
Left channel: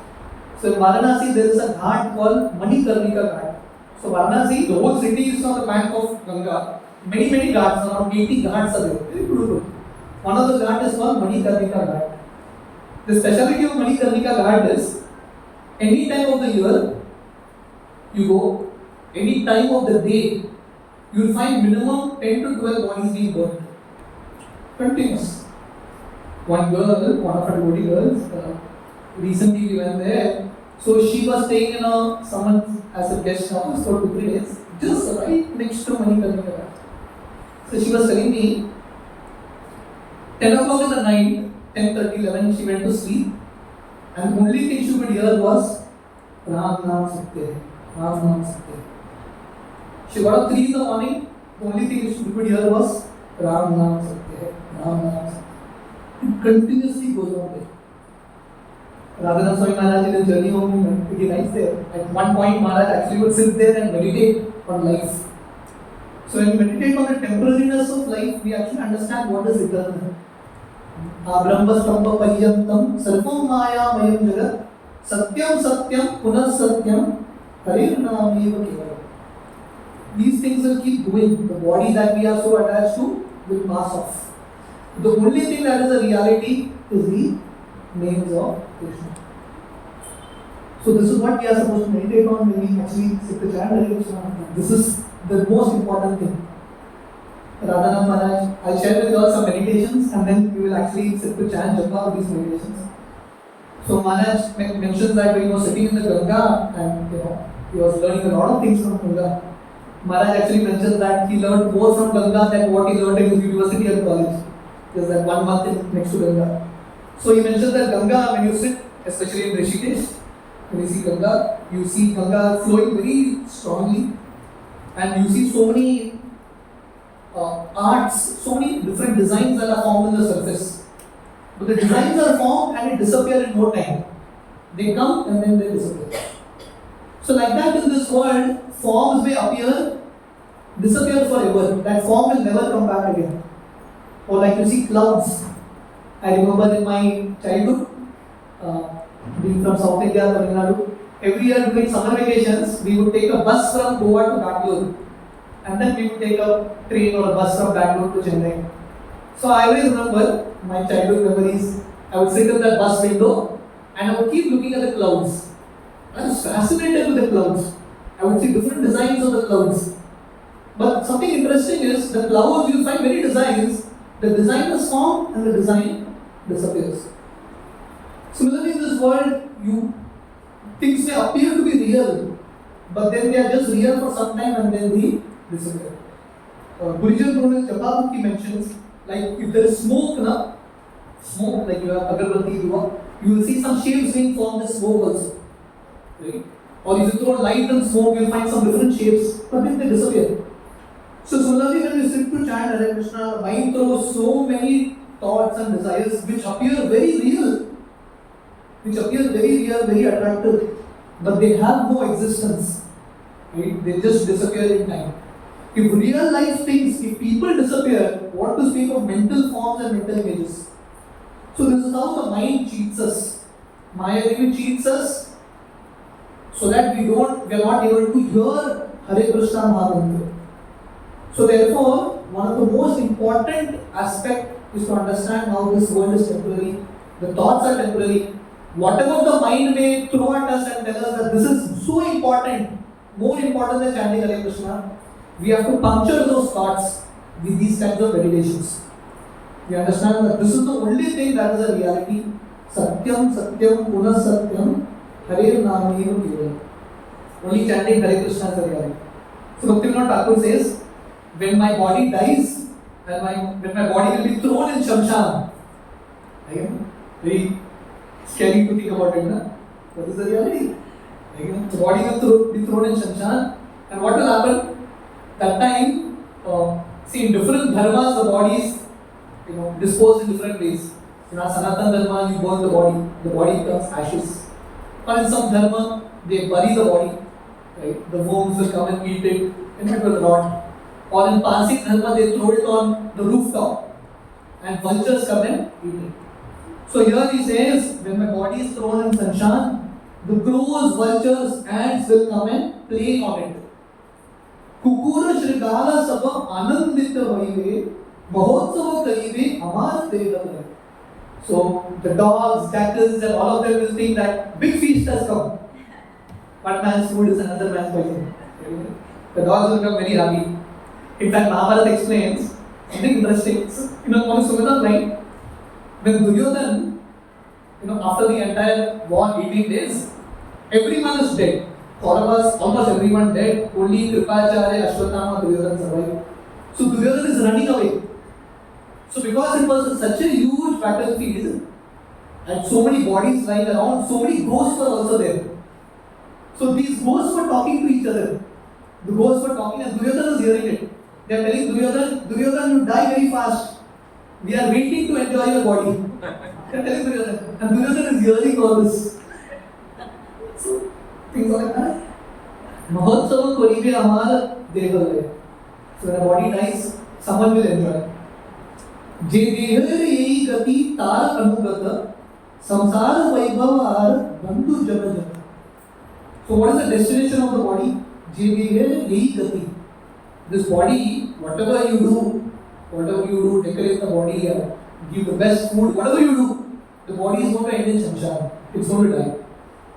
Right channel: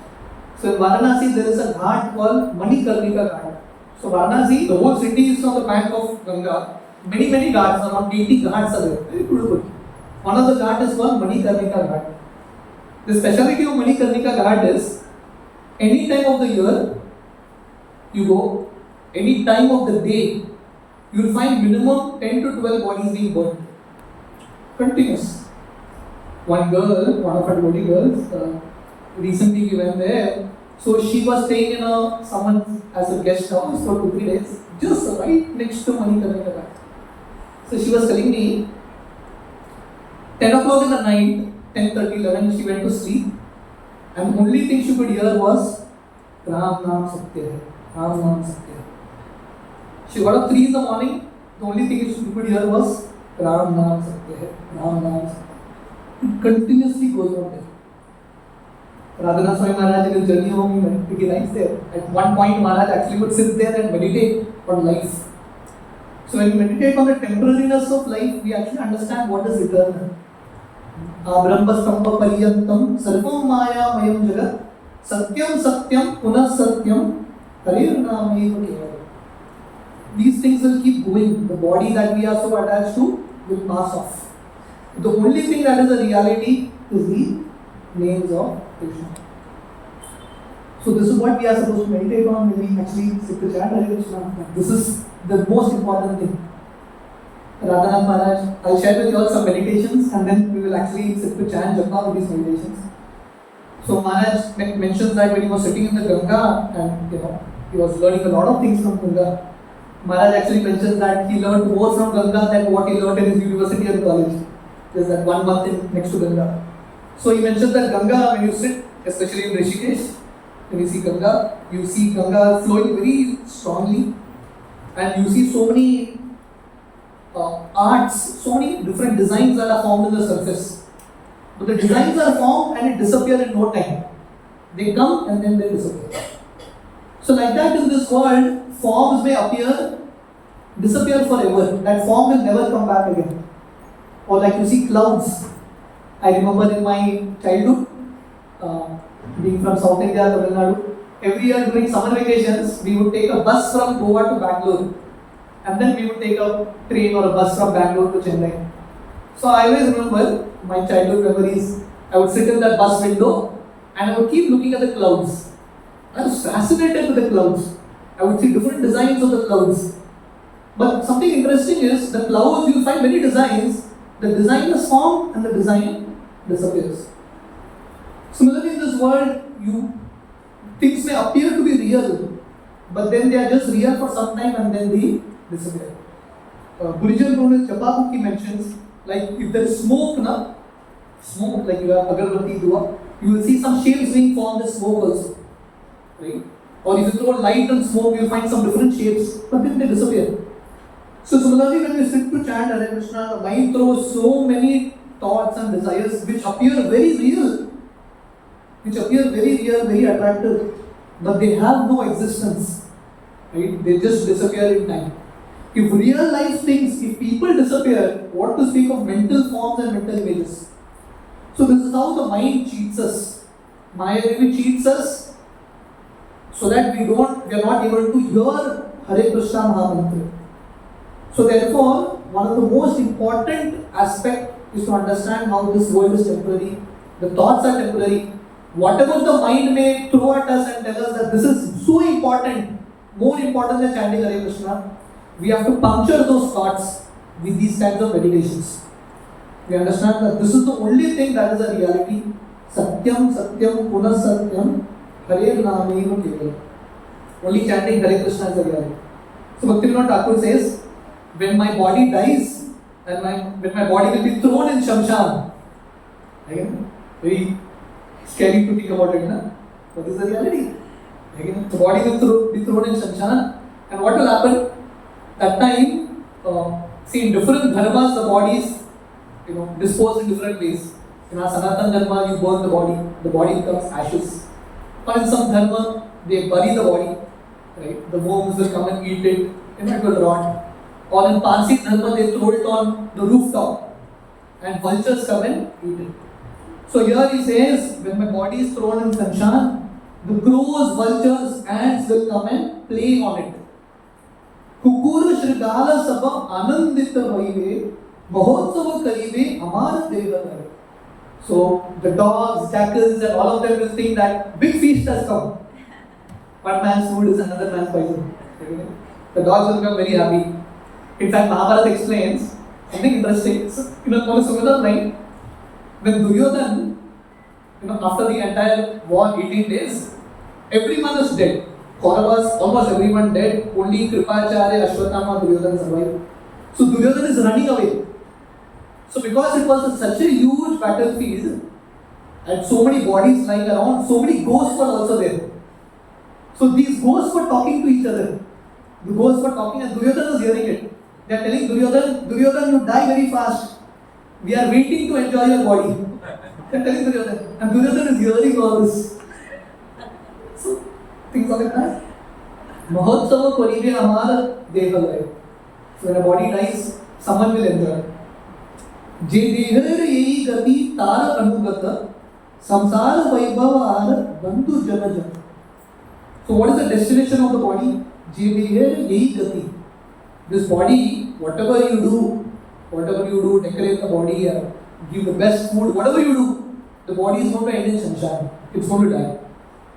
So in Varanasi there is a ghat called Manikarnika Ghat. So Varanasi, the whole city is on the bank of Ganga. many ghats, around 80 ghats are there. Very beautiful. One of the ghats is called Manikarnika Ghat. The speciality of Manikarnika Ghat is, any time of the year you go, any time of the day, you will find minimum 10 to 12 bodies being burnt. Continuous. One girl, one of our devotee girls, recently we went there. So she was staying in someone as a guest house for 2-3 days, just right next to Manikarnika Ghat. So she was telling me, 10 o'clock in the night, 10:30, 11, she went to sleep, and the only thing she could hear was Ram Naam Satya Hai, Ram Naam Satya Hai. She got up 3 in the morning, the only thing she could hear was Ram Naam Satya Hai, Ram Naam Satya Hai. It continuously goes on there. Radhanath Swami Maharaj in his journey home, he writes there. At one point, Maharaj actually would sit there and meditate on life. So when we meditate on the temporariness of life, we actually understand what is eternal. Brahmastamba Paryantam Sarvam Maya Mayam Jagat Satyam Satyam Punah Satyam Harir Nameva Kevalam. These things will keep going. The body that we are so attached to will pass off. The only thing that is a reality is the names of Krishna. So this is what we are supposed to meditate on when we actually sit to chant Hare Krishna. This is the most important thing. Radhanath Maharaj, I'll share with you all some meditations, and then we will actually sit to chant Japa with these meditations. So Maharaj mentions that when he was sitting in the Ganga and he was learning a lot of things from Ganga. Maharaj actually mentions that he learned more from Ganga than what he learned in his university and college. There's that 1 month next to Ganga. So he mentions that Ganga, when you sit, especially in Rishikesh, when you see Ganga flowing very strongly, and you see so many arts, so many different designs that are formed on the surface. But the designs are formed and it disappear in no time. They come and then they disappear. So like that in this world, forms may disappear forever. That form will never come back again. Or like you see clouds. I remember in my childhood, being from South India, Tamil Nadu, every year during summer vacations, we would take a bus from Goa to Bangalore. And then we would take a train or a bus from Bangalore to Chennai. So I always remember my childhood memories. I would sit in that bus window and I would keep looking at the clouds. I was fascinated with the clouds. I would see different designs of the clouds. But something interesting is, the clouds, you'll find many designs. The design is formed and the design disappears. Similarly in this world, things may appear to be real, but then they are just real for some time and then they disappear. Guruji Brunel Japa book, he mentions, like if there is smoke, like you have agarbatti, dua, you will see some shapes being formed as smoke also. Right? Or if you throw light and smoke, you will find some different shapes, but then they disappear. So similarly, when we sit to chant Hare Krishna, the mind throws so many thoughts and desires which appear very real, very attractive, but they have no existence. Right? They just disappear in time. If real life things, if people disappear, what to speak of mental forms and mental images? So this is how the mind cheats us. Maya Devi cheats us so that we are not able to hear Hare Krishna Mahamantra. So therefore, one of the most important aspects is to understand how this world is temporary. The thoughts are temporary. Whatever the mind may throw at us and tell us that this is so important, more important than chanting Hare Krishna, we have to puncture those thoughts with these kinds of meditations. We understand that this is the only thing that is a reality. Satyam, Satyam, Punah Satyam, Harir Nameva Kevalam. Only chanting Hare Krishna is a reality. So Bhaktivinoda Thakur says, when my body dies, and when my body will be thrown in Shamshan. Again, very scary to think about it, no? But this is the reality. Again, the body will be thrown in Shamshan, and what will happen? That time, see, in different dharmas, the body is disposed in different ways. In our Sanatan Dharma, you burn the body becomes ashes. Or in some dharma, they bury the body, right? The worms will come and eat it, and it will rot. Or in Parsi Dharma, they throw it on the rooftop, and vultures come and eat it. So here he says, when my body is thrown in Sanshan, the crows, vultures, ants will come and play on it. कुकुर श्रृंगार सब आनंदित होइवे महोत्सव करिवे अमार देवलय. So the dogs, jackals, and all of them will think that big feast has come. One man's food is another man's poison. The dogs will become very happy. In fact, Mahabharata explains something interesting. So, on a similar line, when Duryodhan, after the entire war, 18 days, everyone is dead. Kauravas, almost everyone dead. Only Kripacharya, Ashwatthama, Duryodhana survived. So Duryodhana is running away. So because it was such a huge battlefield, and so many bodies lying around, so many ghosts were also there. So these ghosts were talking to each other. The ghosts were talking and Duryodhana was hearing it. They are telling Duryodhana, you die very fast. We are waiting to enjoy your body. They are telling Duryodhana. And Duryodhana is hearing all this. So, things are like that. Mahotsava koribe amara devalay. So when a body dies, someone will enjoy. Je dehar yehi gati tar anugata samsara vaibhavar bandhu janajata. So what is the destination of the body? Je dehar yehi gati. This body, whatever you do, decorate the body, give the best food, whatever you do, the body is going to end in samsara. It's going to die.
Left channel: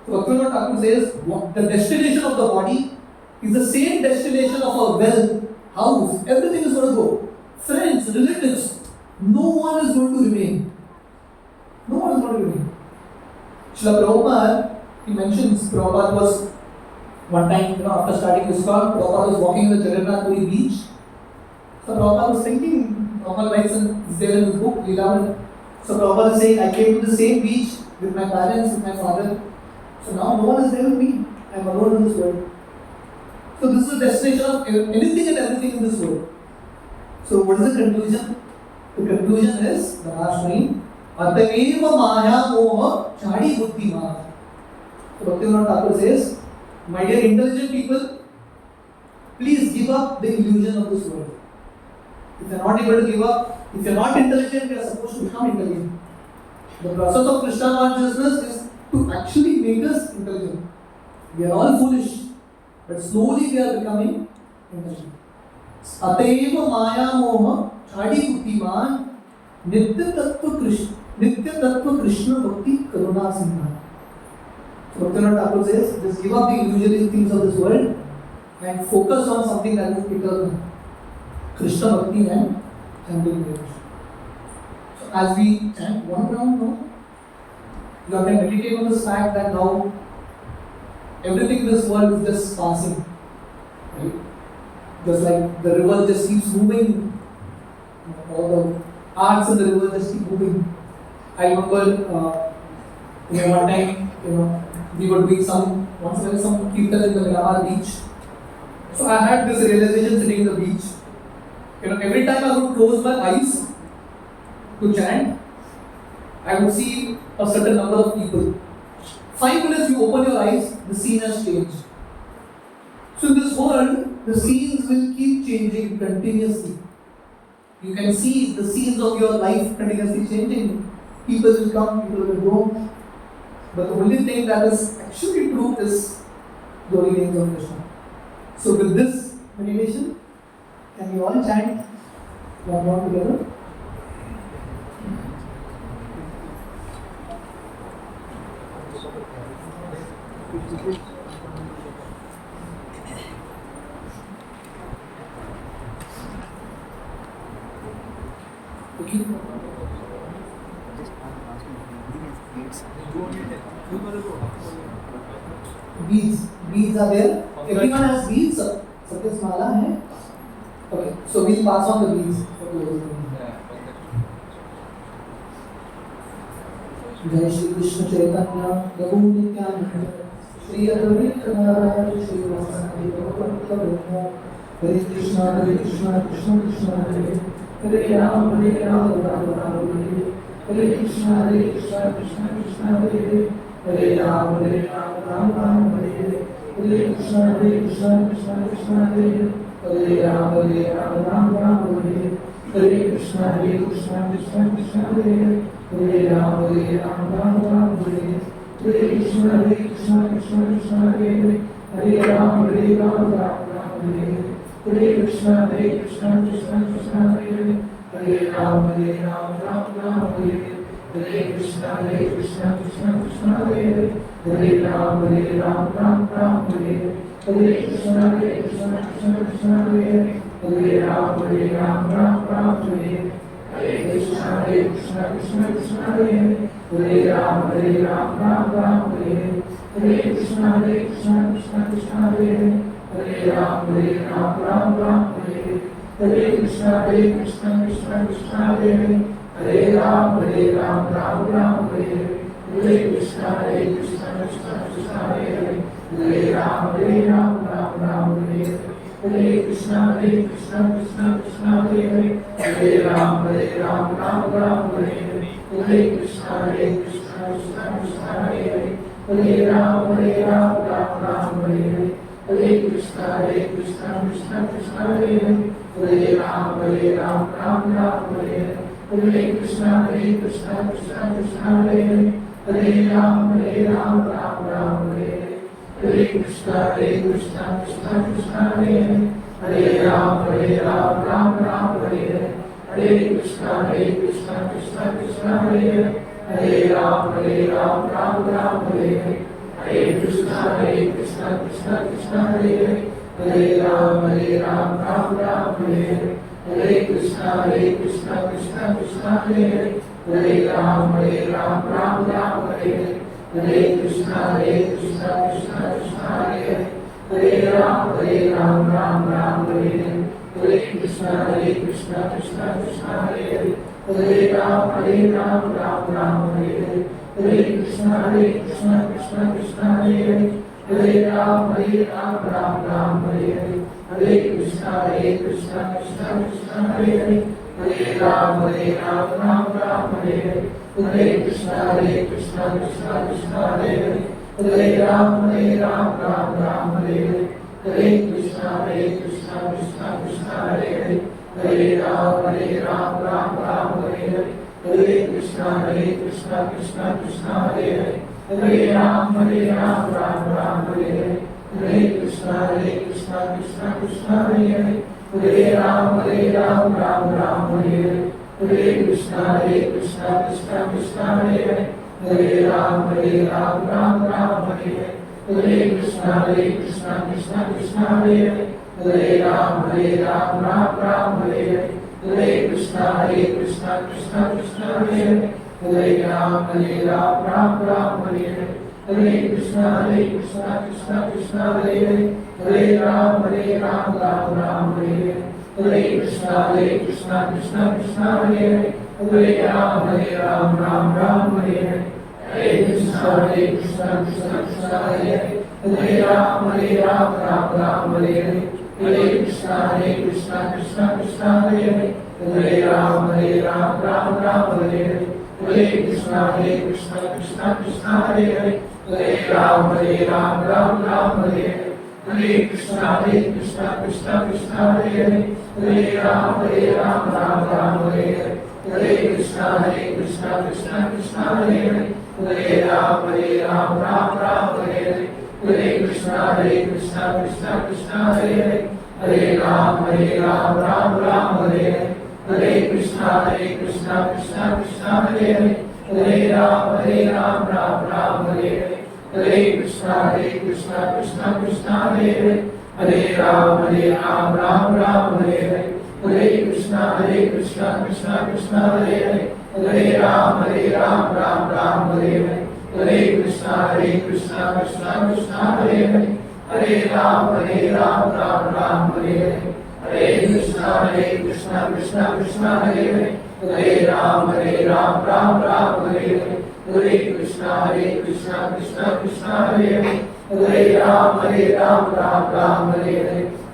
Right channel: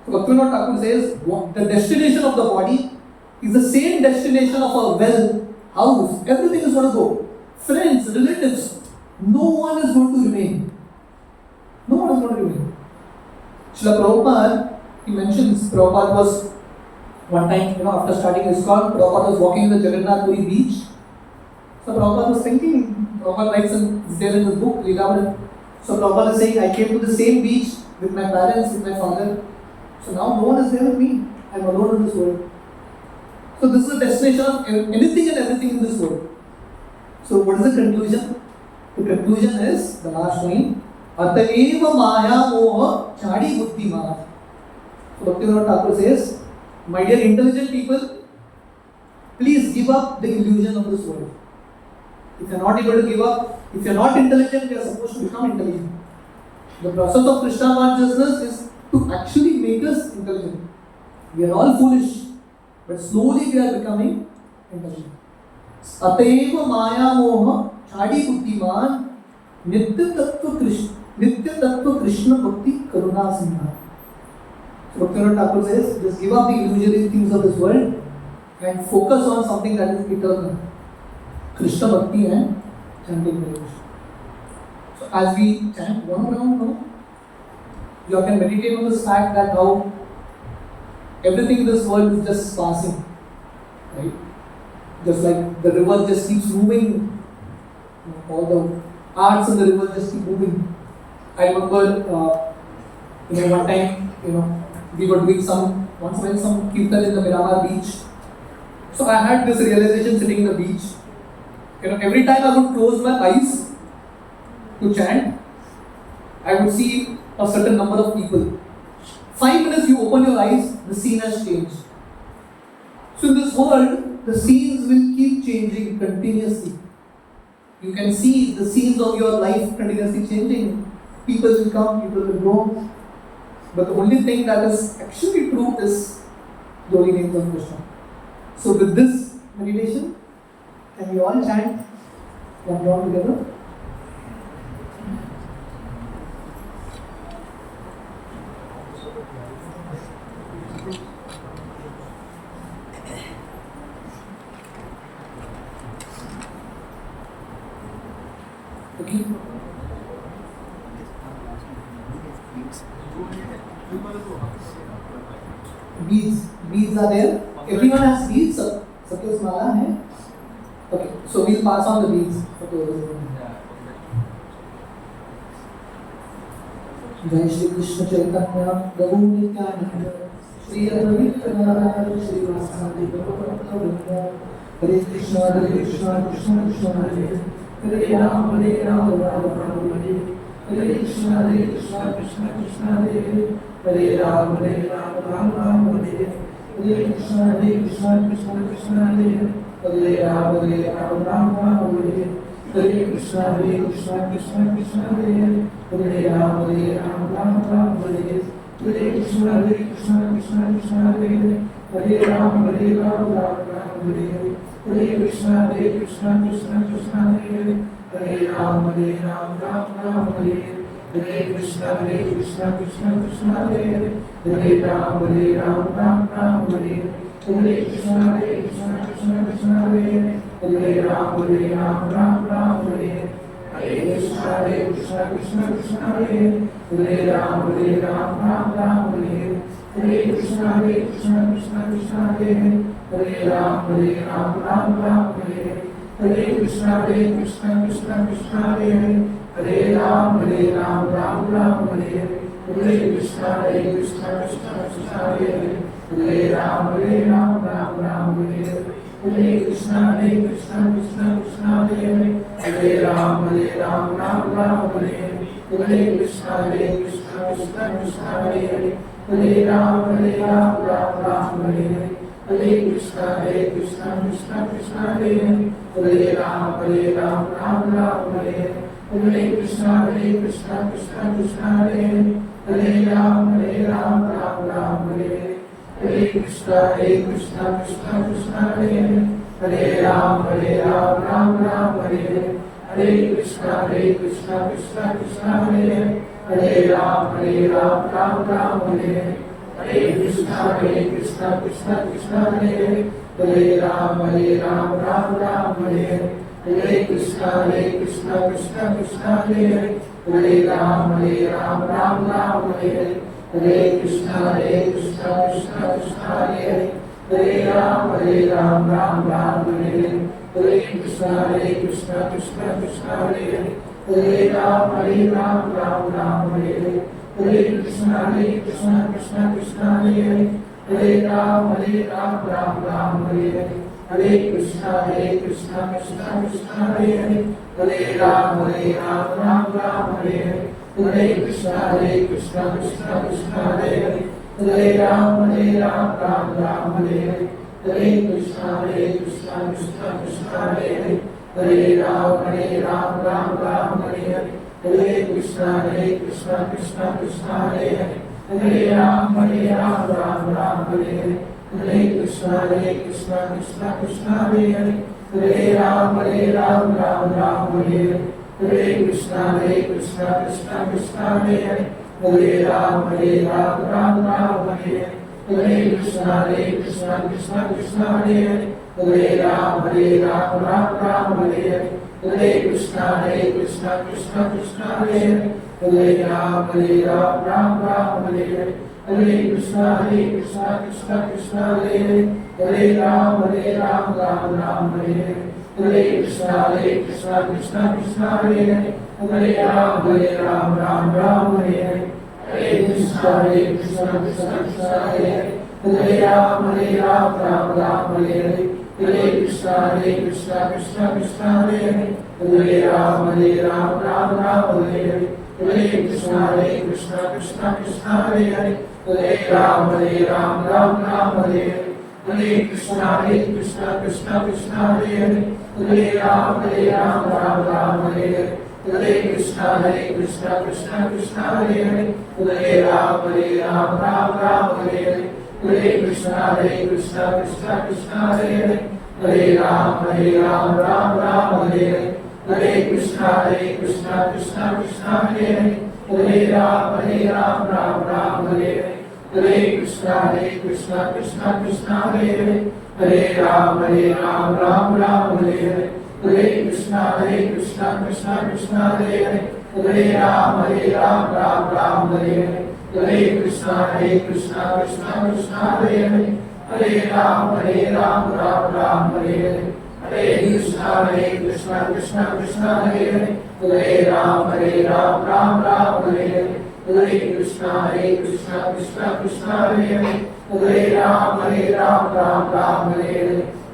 So Bhaktivinoda Thakur says, the destination of the body is the same destination of our wealth, house, everything is going to go. Friends, relatives, no one is going to remain. No one is going to remain. Srila Prabhupada, he mentions, Prabhupada was one time, after starting ISKCON, Prabhupada was walking in the Jagannath Puri beach. So Prabhupada was thinking, Prabhupada writes it's there in his book, Leela. So Prabhupada is saying, I came to the same beach with my parents, with my father. So now no one is there with me. I am alone in this world. So this is the destination of anything and everything in this world. So what is the conclusion? The conclusion is, the last line, Atayeva Maya Moha Chadi Buddhi Maya. So Bhaktivinoda Thakur says, my dear intelligent people, please give up the illusion of this world. If you are not able to give up, if you are not intelligent, you are supposed to become intelligent. The process of Krishna consciousness is to actually make us intelligent. We are all foolish, but slowly we are becoming intelligent. Atayeva Maya Moha Chadi Buddhiman Nitya Tattva Krishna Bhakti Karuna Sindha. Bhaktivinoda Thakur says, just give up the illusory things of this world and focus on something that is eternal. Krishna Bhakti and chanting meditation. So as we chant one round now, you can meditate on this fact that how everything in this world is just passing. Right? Just like the river just keeps moving. All the arts in the river just keep moving. I remember one time, we were doing some kirtan in the Miramar beach. So I had this realization sitting in the beach. Every time I would close my eyes to chant, I would see a certain number of people. 5 minutes you open your eyes, the scene has changed. So in this world, the scenes will keep changing continuously. You can see the scenes of your life continuously changing. People will come, people will go. But the only thing that is actually true is glory names of Krishna. So with this meditation, can we all chant one round together? Okay. Beads are there. Everyone has beads. Suppose mala hai. Okay, so we'll pass on the beads. Jai Shri Krishna Chaitanya Prabhu Nityananda Shri Advaita Gadadhar Shri Vasudeva Gopal Hare Krishna Krishna Krishna Hare Hare Ram Ram Hare Hare Krishna Krishna Krishna Hare Hare Ram Ram Hare Hare Krishna Krishna Krishna Hare Hare Ram Ram Hare Hare Krishna Krishna Krishna Hare Hare Ram Ram Hare Hare Krishna Krishna Krishna Hare Hare Ram Ram Hare Hare Krishna Krishna Krishna Hare Hare Ram Ram Ram Hare Hare Krishna Krishna Krishna Hare Hare Ram Ram Ram Hare Hare Krishna Krishna Krishna Hare Hare Ram Ram Ram Hare Hare Krishna Krishna Krishna Hare Hare Ram Ram Ram Hare Hare Krishna Krishna Krishna Hare Hare Ram Ram Ram Hare Hare Krishna Krishna Krishna Hare Hare Ram Ram Ram Hare Hare Krishna Krishna Krishna Hare Hare Ram Ram Ram Hare Hare Krishna Krishna Krishna Hare Hare Ram Ram Ram Hare Hare Krishna Krishna Krishna Hare Hare Ram Ram Hare Hare Krishna Krishna Krishna Hare Hare Ram Ram Hare Hare Krishna Krishna Krishna Hare Hare Ram Ram Hare Hare Krishna Krishna Krishna Hare Hare Ram Ram Hare Hare Krishna Krishna Krishna Hare Hare Ram Ram Hare Hare Krishna Krishna Krishna Hare Hare Ram Ram Hare Hare Krishna Krishna Krishna Hare Hare Ram Ram Hare Hare Krishna Krishna Krishna Hare Hare Ram Ram Hare Hare Krishna Krishna Krishna Hare Hare Ram Ram Hare Hare Krishna Krishna Krishna Hare Hare Ram Ram Hare Hare Krishna Krishna Krishna Hare Hare Ram Ram Hare Hare Krishna Krishna Krishna Hare Hare Ram Ram Hare Hare Krishna Krishna Krishna Hare Hare Ram Ram Hare Hare Krishna Krishna Krishna Hare Hare Ram Ram Hare Hare Krishna Krishna Krishna Hare Hare Ram Ram Hare Hare Krishna Krishna Krishna Hare Hare Ram Ram Hare Hare Krishna Krishna Krishna Hare Hare Ram Ram Hare Hare Krishna Krishna Krishna Hare Hare Ram Ram Hare Hare Krishna Krishna Krishna Hare Hare Ram Ram Hare Hare Krishna Krishna Krishna Hare Hare Ram Ram Hare Hare Krishna Krishna Krishna Hare Hare Ram Ram Hare Hare Krishna Krishna Krishna Hare Hare Ram Ram Hare Hare Krishna Krishna Krishna Hare Hare Ram Ram Hare Hare Krishna Krishna Krishna Hare Hare Ram Ram Hare Hare Krishna Krishna Krishna Hare Hare Ram Ram Hare Hare Krishna Krishna Krishna Hare Hare Ram Ram Hare Hare Krishna Krishna Krishna Hare Hare Ram Ram Hare Hare Krishna Krishna Krishna Hare Hare Ram Ram Hare Hare Krishna Krishna Krishna Hare Hare Ram Ram Hare Hare Krishna Krishna Krishna Hare Hare Ram Ram Hare Hare Krishna Krishna Krishna Hare Hare Ram Ram Hare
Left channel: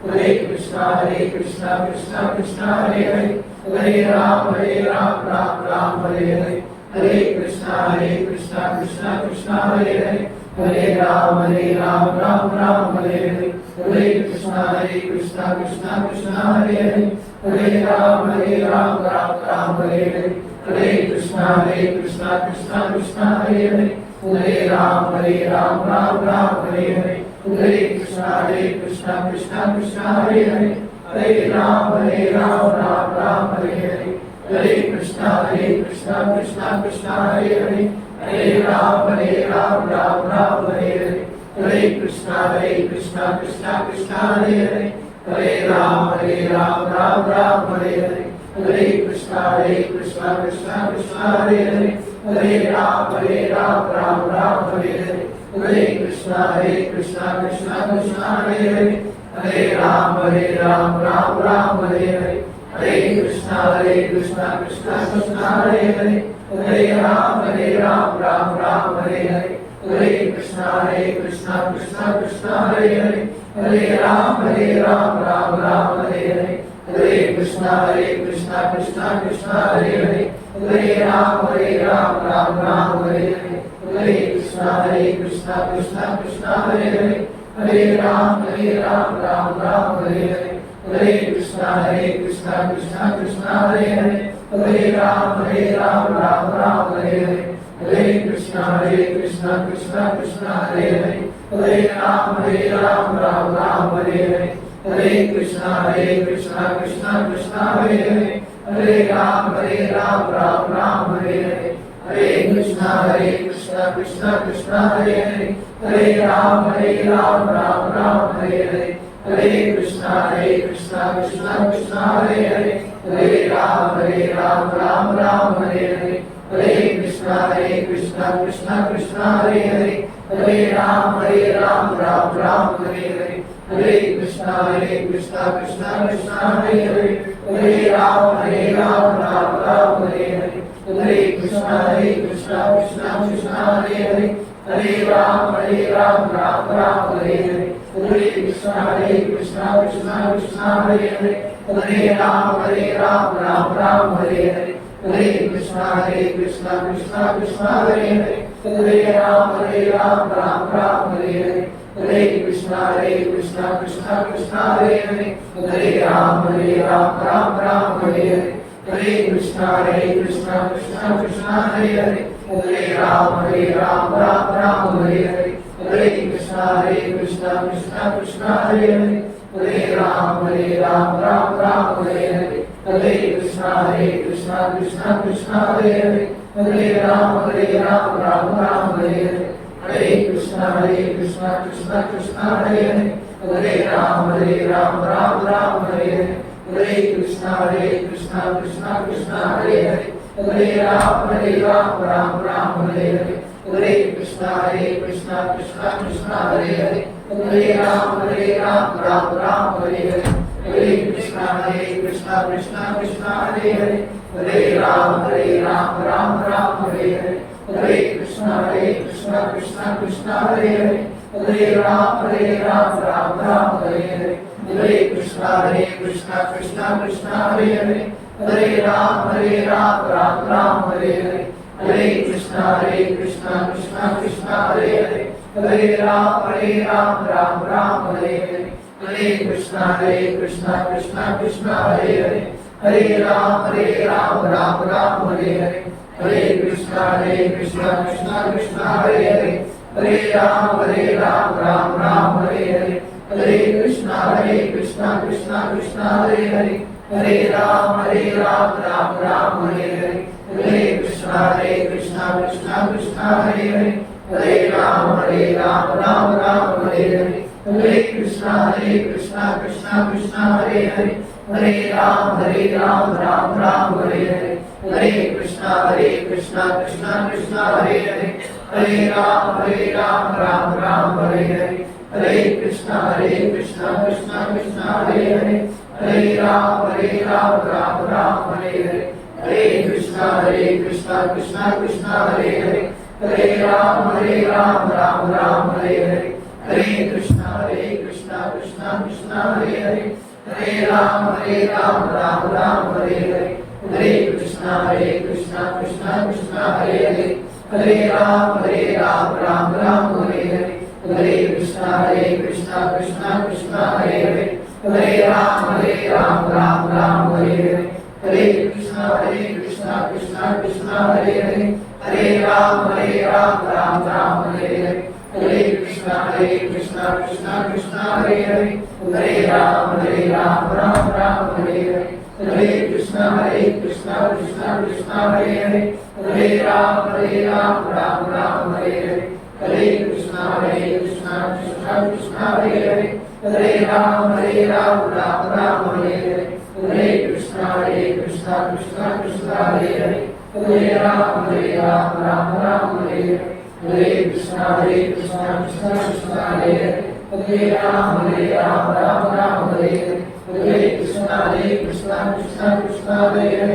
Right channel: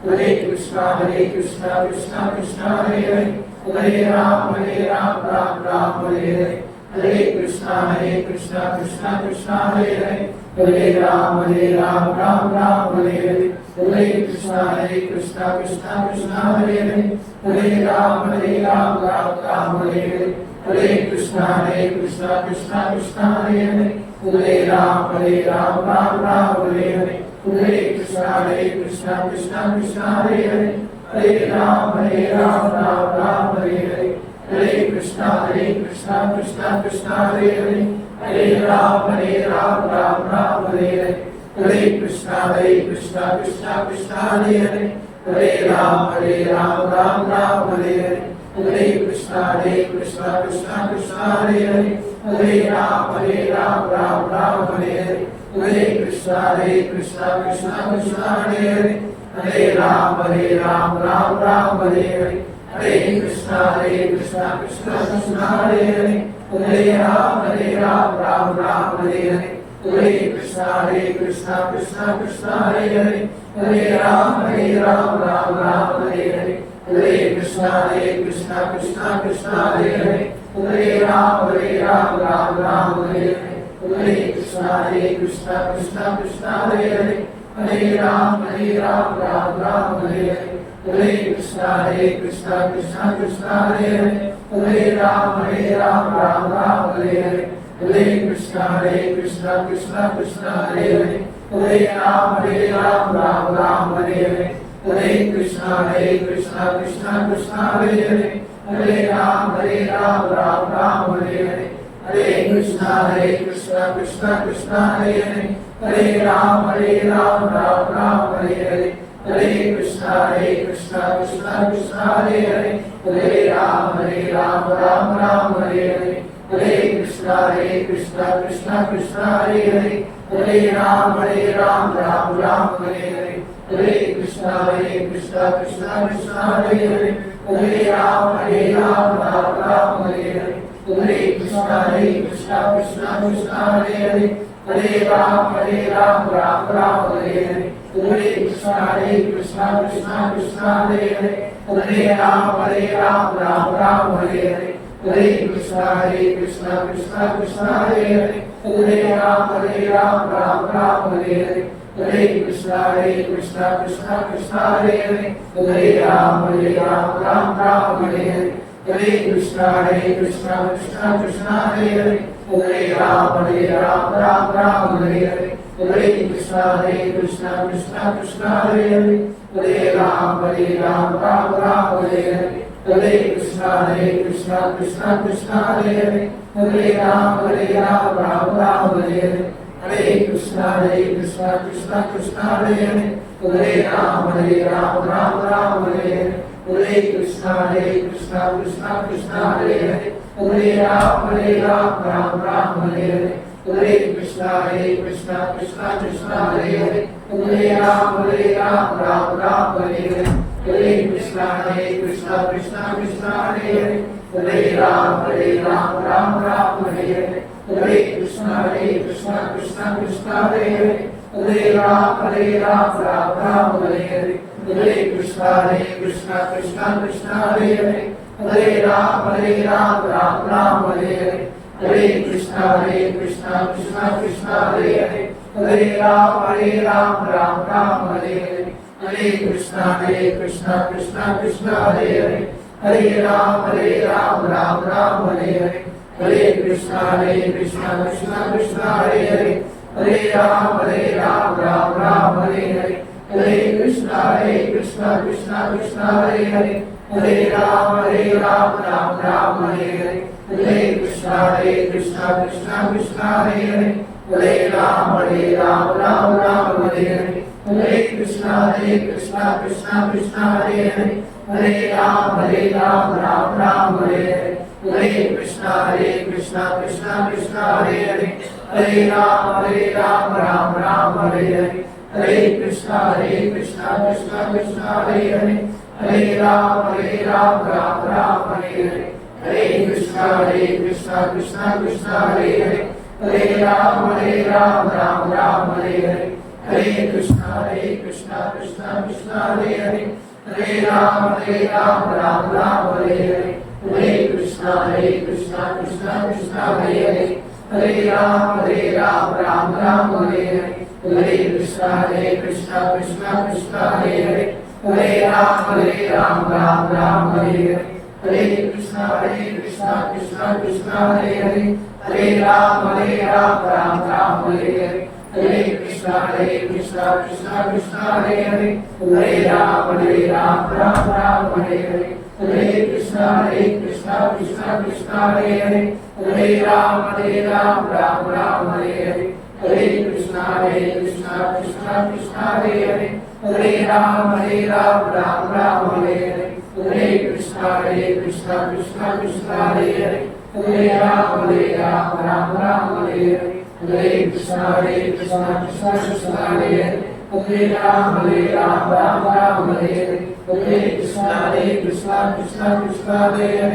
Hare Krishna Krishna Krishna Hare Hare Ram Ram Hare Hare Krishna Krishna Krishna Hare Hare Ram Ram Hare Hare Krishna Krishna Krishna Hare Hare Ram Ram Hare Hare Krishna Krishna Krishna Hare Hare Ram Ram Hare Hare Krishna Krishna Krishna Hare Hare Ram Ram Hare Hare Krishna Krishna Krishna Hare Hare Ram, Ram Ram, Hare Hare. Hare Krishna, Krishna Krishna, Hare Hare. Hare Ram, Ram Ram, Hare Hare. Hare Krishna, Krishna Krishna, Hare Hare. Hare Ram, Ram Ram, Hare Hare. Hare Krishna, Krishna Krishna, Hare Hare. Hare Ram, Ram Ram, Hare Hare. Hare Krishna, Krishna Krishna, Hare Hare. Hare Ram, Ram Ram, Hare Hare. Hare Krishna, Krishna Krishna, Hare Hare. Hare Ram, Ram Ram, Hare Hare. Hare Krishna, Krishna Krishna, Hare Hare. Hare Ram, Ram Ram, Hare Hare. Hare Krishna, Krishna Krishna, Hare Hare. Hare Ram, Ram Ram, Hare Hare. Hare Krishna, Krishna Krishna, Hare Hare. Hare Ram, Ram Ram, Hare Hare. Hare Krishna, Krishna Krishna, Hare Hare. Hare Ram, Ram Ram, Hare Hare. Hare Krishna, Krishna Krishna, Hare Hare. Hare Ram, Ram Ram, Hare Hare. Hare Krishna, Krishna Krishna, Hare Hare. Hare Ram, Ram Ram, Hare Hare. Hare Krishna, Krishna Krishna, Hare Hare. Hare Ram, Ram Ram, Hare Hare. Hare Krishna, Krishna Krishna, Hare Hare. Hare Ram, Ram Ram, Hare Hare. Hare Krishna, Krishna Krishna, Hare Hare. Hare Ram, Ram Ram, Hare Hare. Hare Krishna, Krishna Krishna, Hare Hare. Hare Ram, Ram Ram, Hare Hare. Hare Krishna, Krishna Krishna, Hare Hare. Hare Ram, Ram Hare Hare. Hare Krishna, Krishna Krishna, Hare Hare. Hare Ram, Ram Hare Hare. Hare Krishna, Krishna Krishna, Hare Hare. Hare Ram, Ram Hare Hare. Hare Krishna, Krishna Krishna, Hare Hare. Hare Ram, Ram Hare Hare. Hare Krishna, Krishna Krishna, Hare Hare. Hare Ram, Ram Hare Hare. Hare Krishna, Krishna Krishna, Hare Hare. Hare Ram, Ram Hare Hare. Hare Krishna, Krishna Krishna, Hare Hare. Hare Ram, Ram Hare Hare. Hare Krishna, Krishna Krishna, Hare Hare. Hare Ram, Ram Hare Hare. Hare Krishna, Krishna Krishna, Hare Hare. Hare Ram, Ram Hare Hare. Hare Krishna, Krishna Krishna, Hare Hare. Hare Ram, Ram Hare Hare. Hare Krishna, Krishna Krishna, Hare Hare. Hare Ram, Ram Hare Hare. Hare Krishna, Krishna Krishna, Hare Hare. Hare Ram, Ram Hare Hare. Hare Krishna, Krishna Krishna, Hare Hare. Hare Ram, Ram Hare Hare. Hare Krishna, Krishna Krishna, Hare Hare. Hare Ram, Ram Hare Hare. Hare Krishna, Krishna Krishna, Hare Hare. Hare Ram, Ram Hare Hare. Hare Krishna, Krishna Krishna, Hare Hare. Hare Ram, Ram Hare Hare. Hare Krishna, Krishna Krishna, Hare Hare. Hare Ram, Ram Hare Hare. Hare Krishna, Krishna Krishna, Hare Hare. Hare Ram, Ram Hare Hare. Hare Krishna, Krishna Krishna, Hare Hare. Hare Ram, Ram Hare Hare. Hare Krishna, Krishna Krishna, Hare Hare. Hare Ram, Ram Hare Hare. Hare Krishna, Krishna Krishna, Hare Hare. Hare Ram, Ram Hare Hare. Hare Krishna, Krishna Krishna, Hare Hare. Hare Ram, Ram Hare Hare. Hare Krishna, Krishna Krishna, Hare Hare. Hare Ram, Ram Hare Hare. Hare Krishna, Krishna Krishna, Hare Hare. Hare Ram, Ram Hare Hare. Hare Krishna, Krishna Krishna, Hare Hare. Hare Ram, Ram Hare Hare. Hare Krishna, Krishna Krishna, Hare Hare. Hare Ram, Ram Hare Hare. Hare Krishna, Krishna Krishna, Hare Hare Ram, Ram, Hare Hare. Hare Krishna, Krishna Krishna, Hare Ram, Ram, Hare Hare. Hare Krishna, Krishna Krishna, Hare Ram, Ram, Hare Hare. Hare Krishna, Krishna Krishna, Hare Ram, Ram, Hare Hare. Hare Krishna, Krishna Krishna, Hare Ram, Ram, Hare Hare. Hare Krishna, Krishna Krishna, Hare Ram, Ram, Hare Hare. Hare Krishna, Krishna Krishna, Hare Ram, Ram, Hare Hare. Hare Krishna, Krishna Krishna, Hare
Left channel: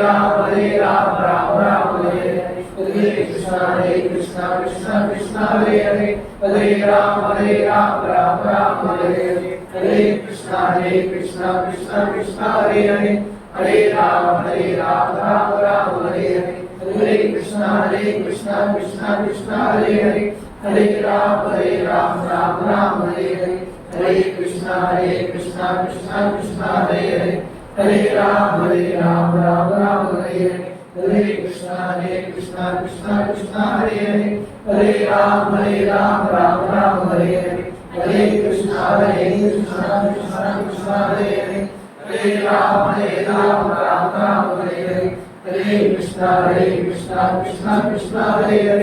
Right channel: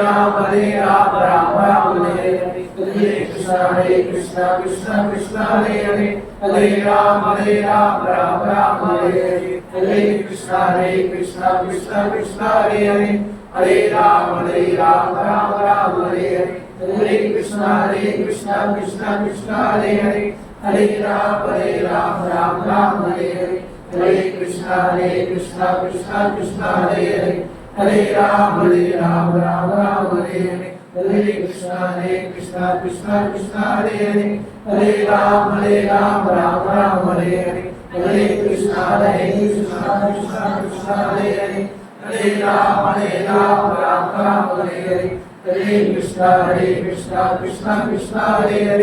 Ram, Ram, Hare Hare. Hare Krishna, Krishna Krishna, Hare Ram, Ram, Hare Hare. Hare Krishna, Krishna Krishna, Hare Ram, Ram, Hare Hare. Hare Krishna, Krishna Krishna, Hare Ram, Ram, Hare Hare. Hare Krishna, Krishna Krishna, Hare Ram, Ram, Hare Hare. Hare Krishna, Krishna Krishna, Hare Ram, Ram, Hare Hare. Hare Krishna, Krishna Krishna, Hare Ram, Ram, Hare Hare. Hare Krishna, Krishna Krishna, Hare Ram, Ram, Hare Hare. Hare Krishna, Krishna Krishna,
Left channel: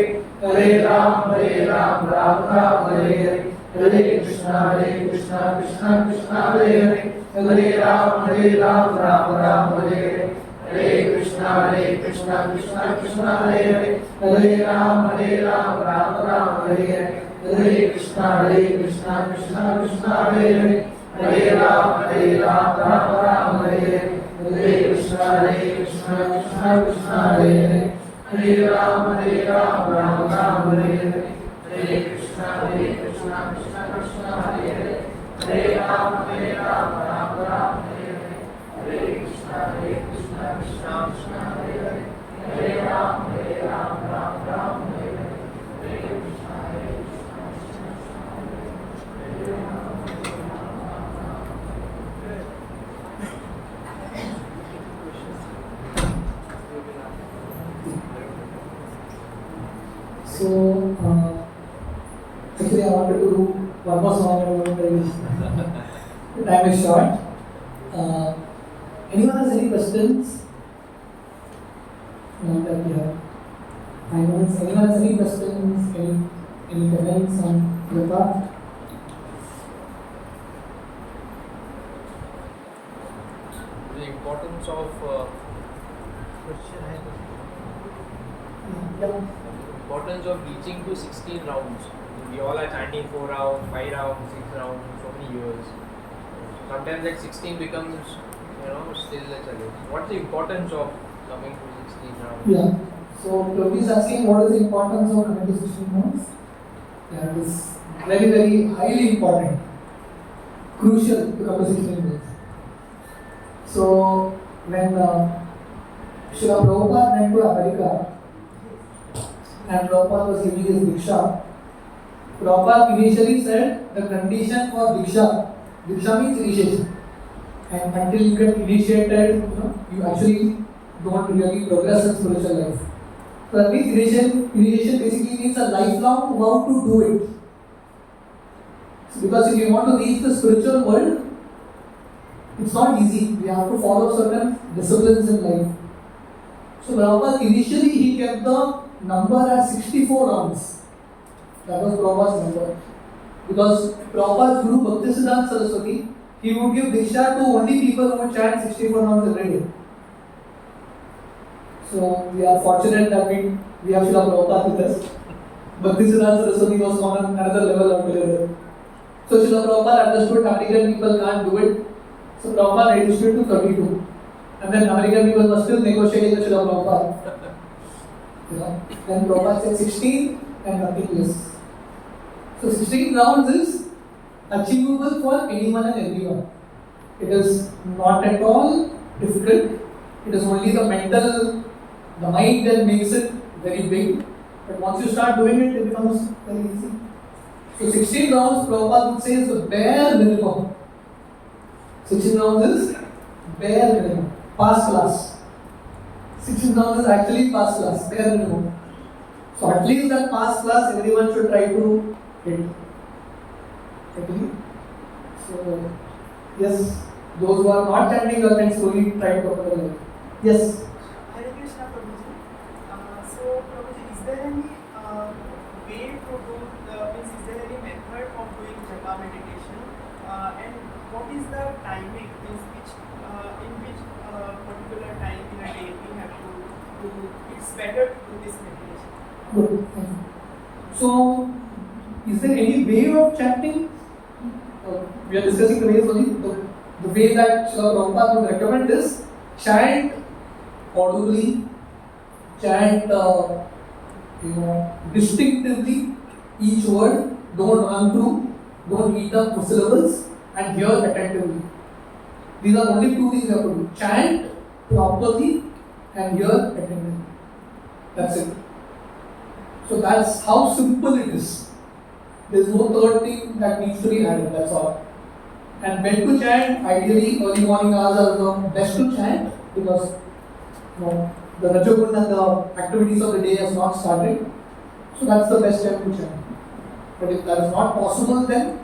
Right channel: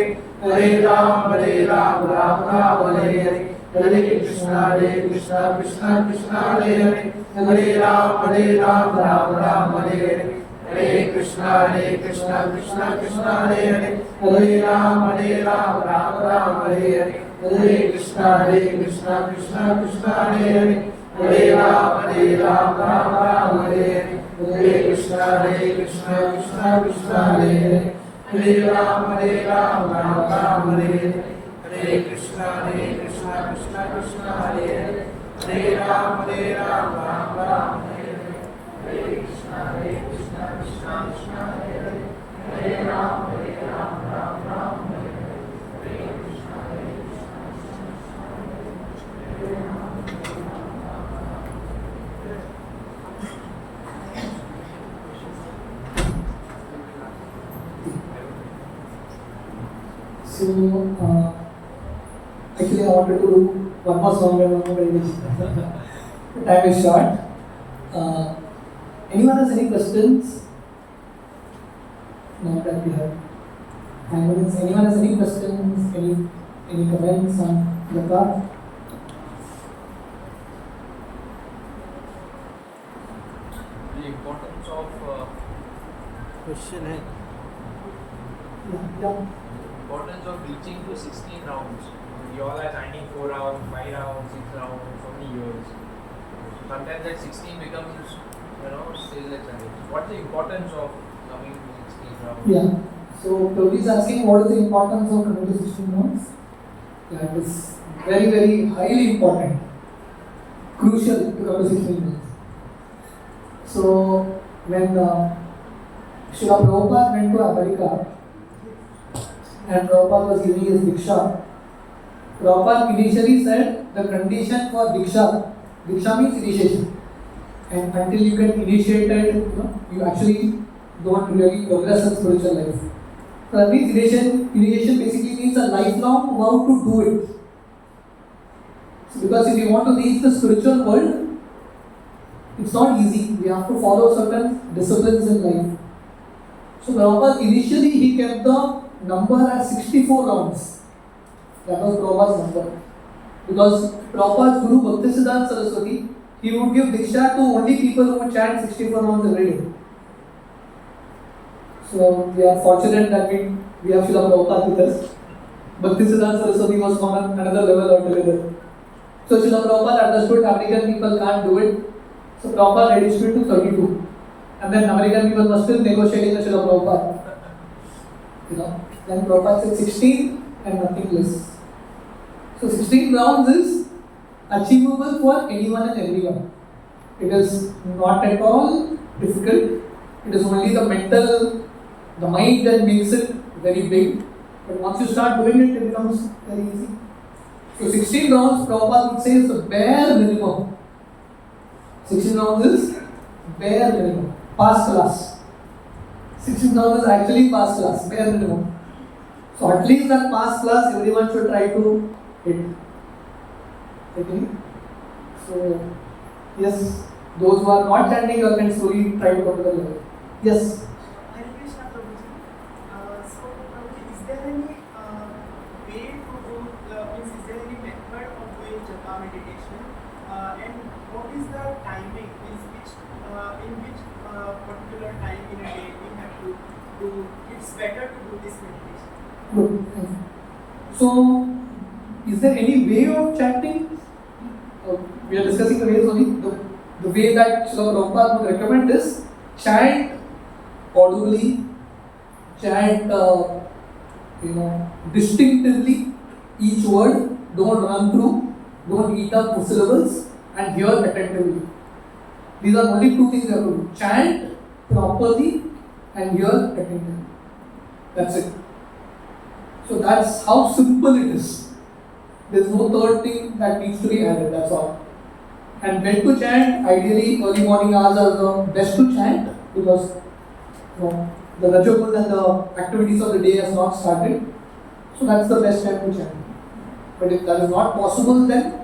Hare Ram, Ram, Hare Hare. Hare Krishna, Krishna Krishna, Hare Ram, Ram, Hare Hare. Hare Krishna, Krishna Krishna, Hare Ram, Ram, Hare Hare. Hare Krishna, Krishna Krishna, Hare Ram, Ram, Hare Hare. Hare Krishna, So, actually, I wanted to do one more song and one more meditation. The time is short. Anyone has any questions? Now that we have 5 minutes, anyone has any questions? Any comments on Japa? The importance of question है Yeah. importance of reaching to 16 rounds. We all are chanting 4 rounds, 5 rounds, 6 rounds for many years. Sometimes that 16 becomes, still a challenge. What's the importance of coming to 16 rounds? Yeah. So, Prabhuji is asking what is the importance of coming to 16 rounds? Yeah, it is very, very highly important. Crucial to come to 16 rounds. So, when Srila Prabhupada went to America and Prabhupada was giving his Diksha, Prabhupada initially said the condition for Diksha means initiation. And until you get initiated, you actually don't really progress in spiritual life. So that means initiation basically means a lifelong how to do it. So because if you want to reach the spiritual world, it's not easy. We have to follow certain disciplines in life. So Prabhupada initially he kept the number at 64 rounds. That was Prabhupada's number. Because Prabhupada's Guru Bhaktisiddhanta Saraswati, he would give Diksha to only people who would chant 64 rounds every day. So we are fortunate that we have Srila Prabhupada with us. Bhaktisiddhanta Saraswati was on another level altogether. So Srila Prabhupada understood American people can't do it. So Prabhupada reduced it to 32. And then American people were still negotiating with Srila Prabhupada. Then Prabhupada said 16 and nothing less. So 16 rounds is achievable for anyone and everyone. It is not at all difficult. It is only the mind that makes it very big. But once you start doing it, it becomes very easy. So 16 rounds, Prabhupada would say, is the bare minimum. 16 rounds is bare minimum. Pass class. 16 rounds is actually pass class, bare minimum. So at least that pass class everyone should try to hit. Agree? So yes, those who are not chanting, you can slowly try to come to the level. Yes. Hare Krishna, Prabhuji. So, Prabhuji, is there any way to do, is there any method of doing Japa meditation? And what is the timing in which particular time in a day we have to do? It's better to do this meditation. Good. Thank you. So, is there any way of chanting? We are discussing the ways only. The way that Srila Prabhupada would recommend is chant audibly, chant distinctively each word, don't run through, don't eat up syllables, and hear attentively. These are only two things you have to do. Chant properly and hear attentively. That's it. So that's how simple it is. There's no third thing that needs to be added, that's all. And when to chant, ideally early morning hours are the best to chant because the Rajaguna and the activities of the day has not started. So that's the best time to chant. But if that is not possible, then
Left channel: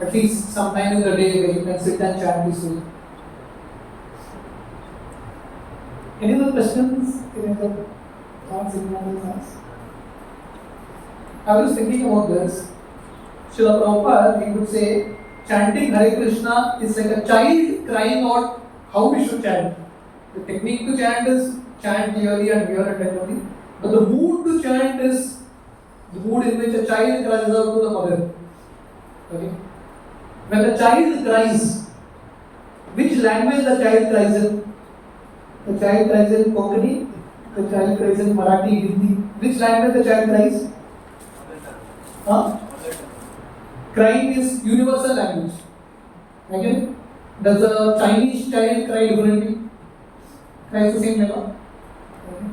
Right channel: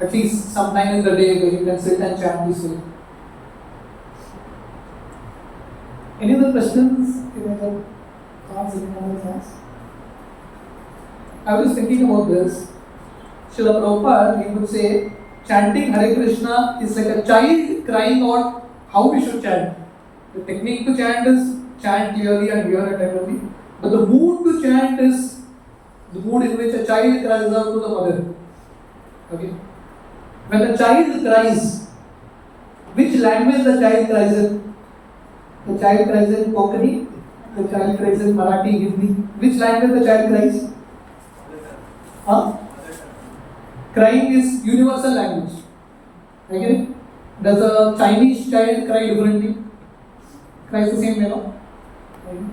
at least sometime in the day where you can sit and chant peacefully. Any other questions? Any other thoughts? Anyone else has? I was thinking about this. Srila Prabhupada, he would say, chanting Hare Krishna is like a child crying out how we should chant. The technique to chant is chant clearly and hear attentively. But the mood to chant is the mood in which a child cries out to the mother. Okay? When the child cries, which language the child cries in? The child cries in Konkani, the child cries in Marathi, Hindi. Which language the child cries? Huh? Crying is universal language. Okay? Does a Chinese child cry differently? Cries the same way, no? Okay.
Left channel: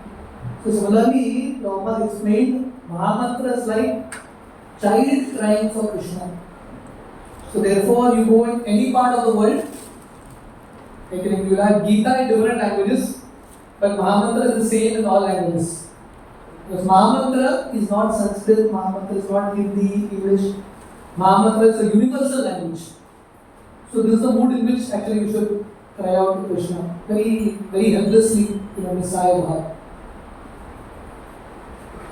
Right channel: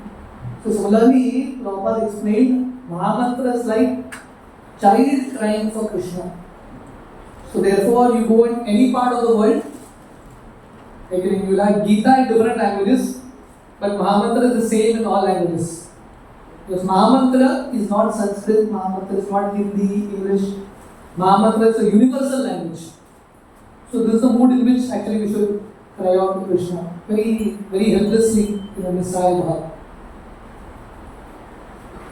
So similarly, Prabhupada explained Mahamantra is like child crying for Krishna. So therefore, you go in any part of the world, like you will have Gita in different languages, but Mahamantra is the same in all languages. Because Mahamantra is not Sanskrit, Mahamantra is not Hindi, English. Mahamantra is a universal language. So this is the mood in which actually we should cry out to Krishna. Very, very helplessly in a Messiah Bhav.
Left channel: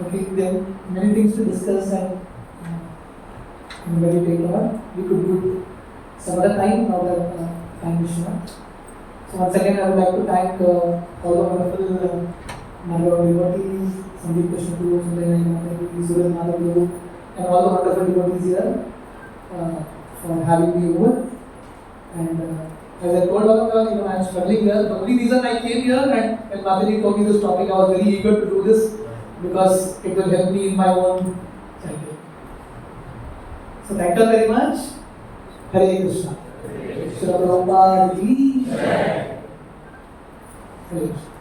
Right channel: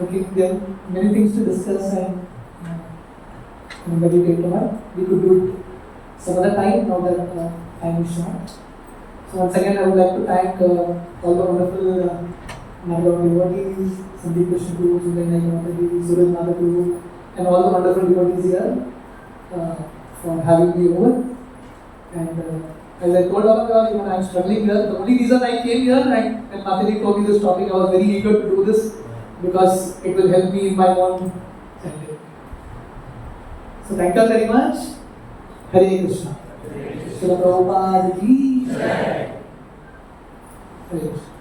Okay, there are many things to discuss and meditate on. We could do it some other time, now that time is short. So once again, I would like to thank all the wonderful Margao devotees, Sandeep Krishna Guru, Sundaynai Mataji, Suraj Mata Guru, and all the wonderful devotees here for having me over. And as I told all of you, even I am struggling here. The only reason I came here and when Mataji told me this topic, I was very eager to do this because it will help me in my own chanting. So thank you very much. Hare Krishna. Srila Prabhupada Ji. Hare Krishna.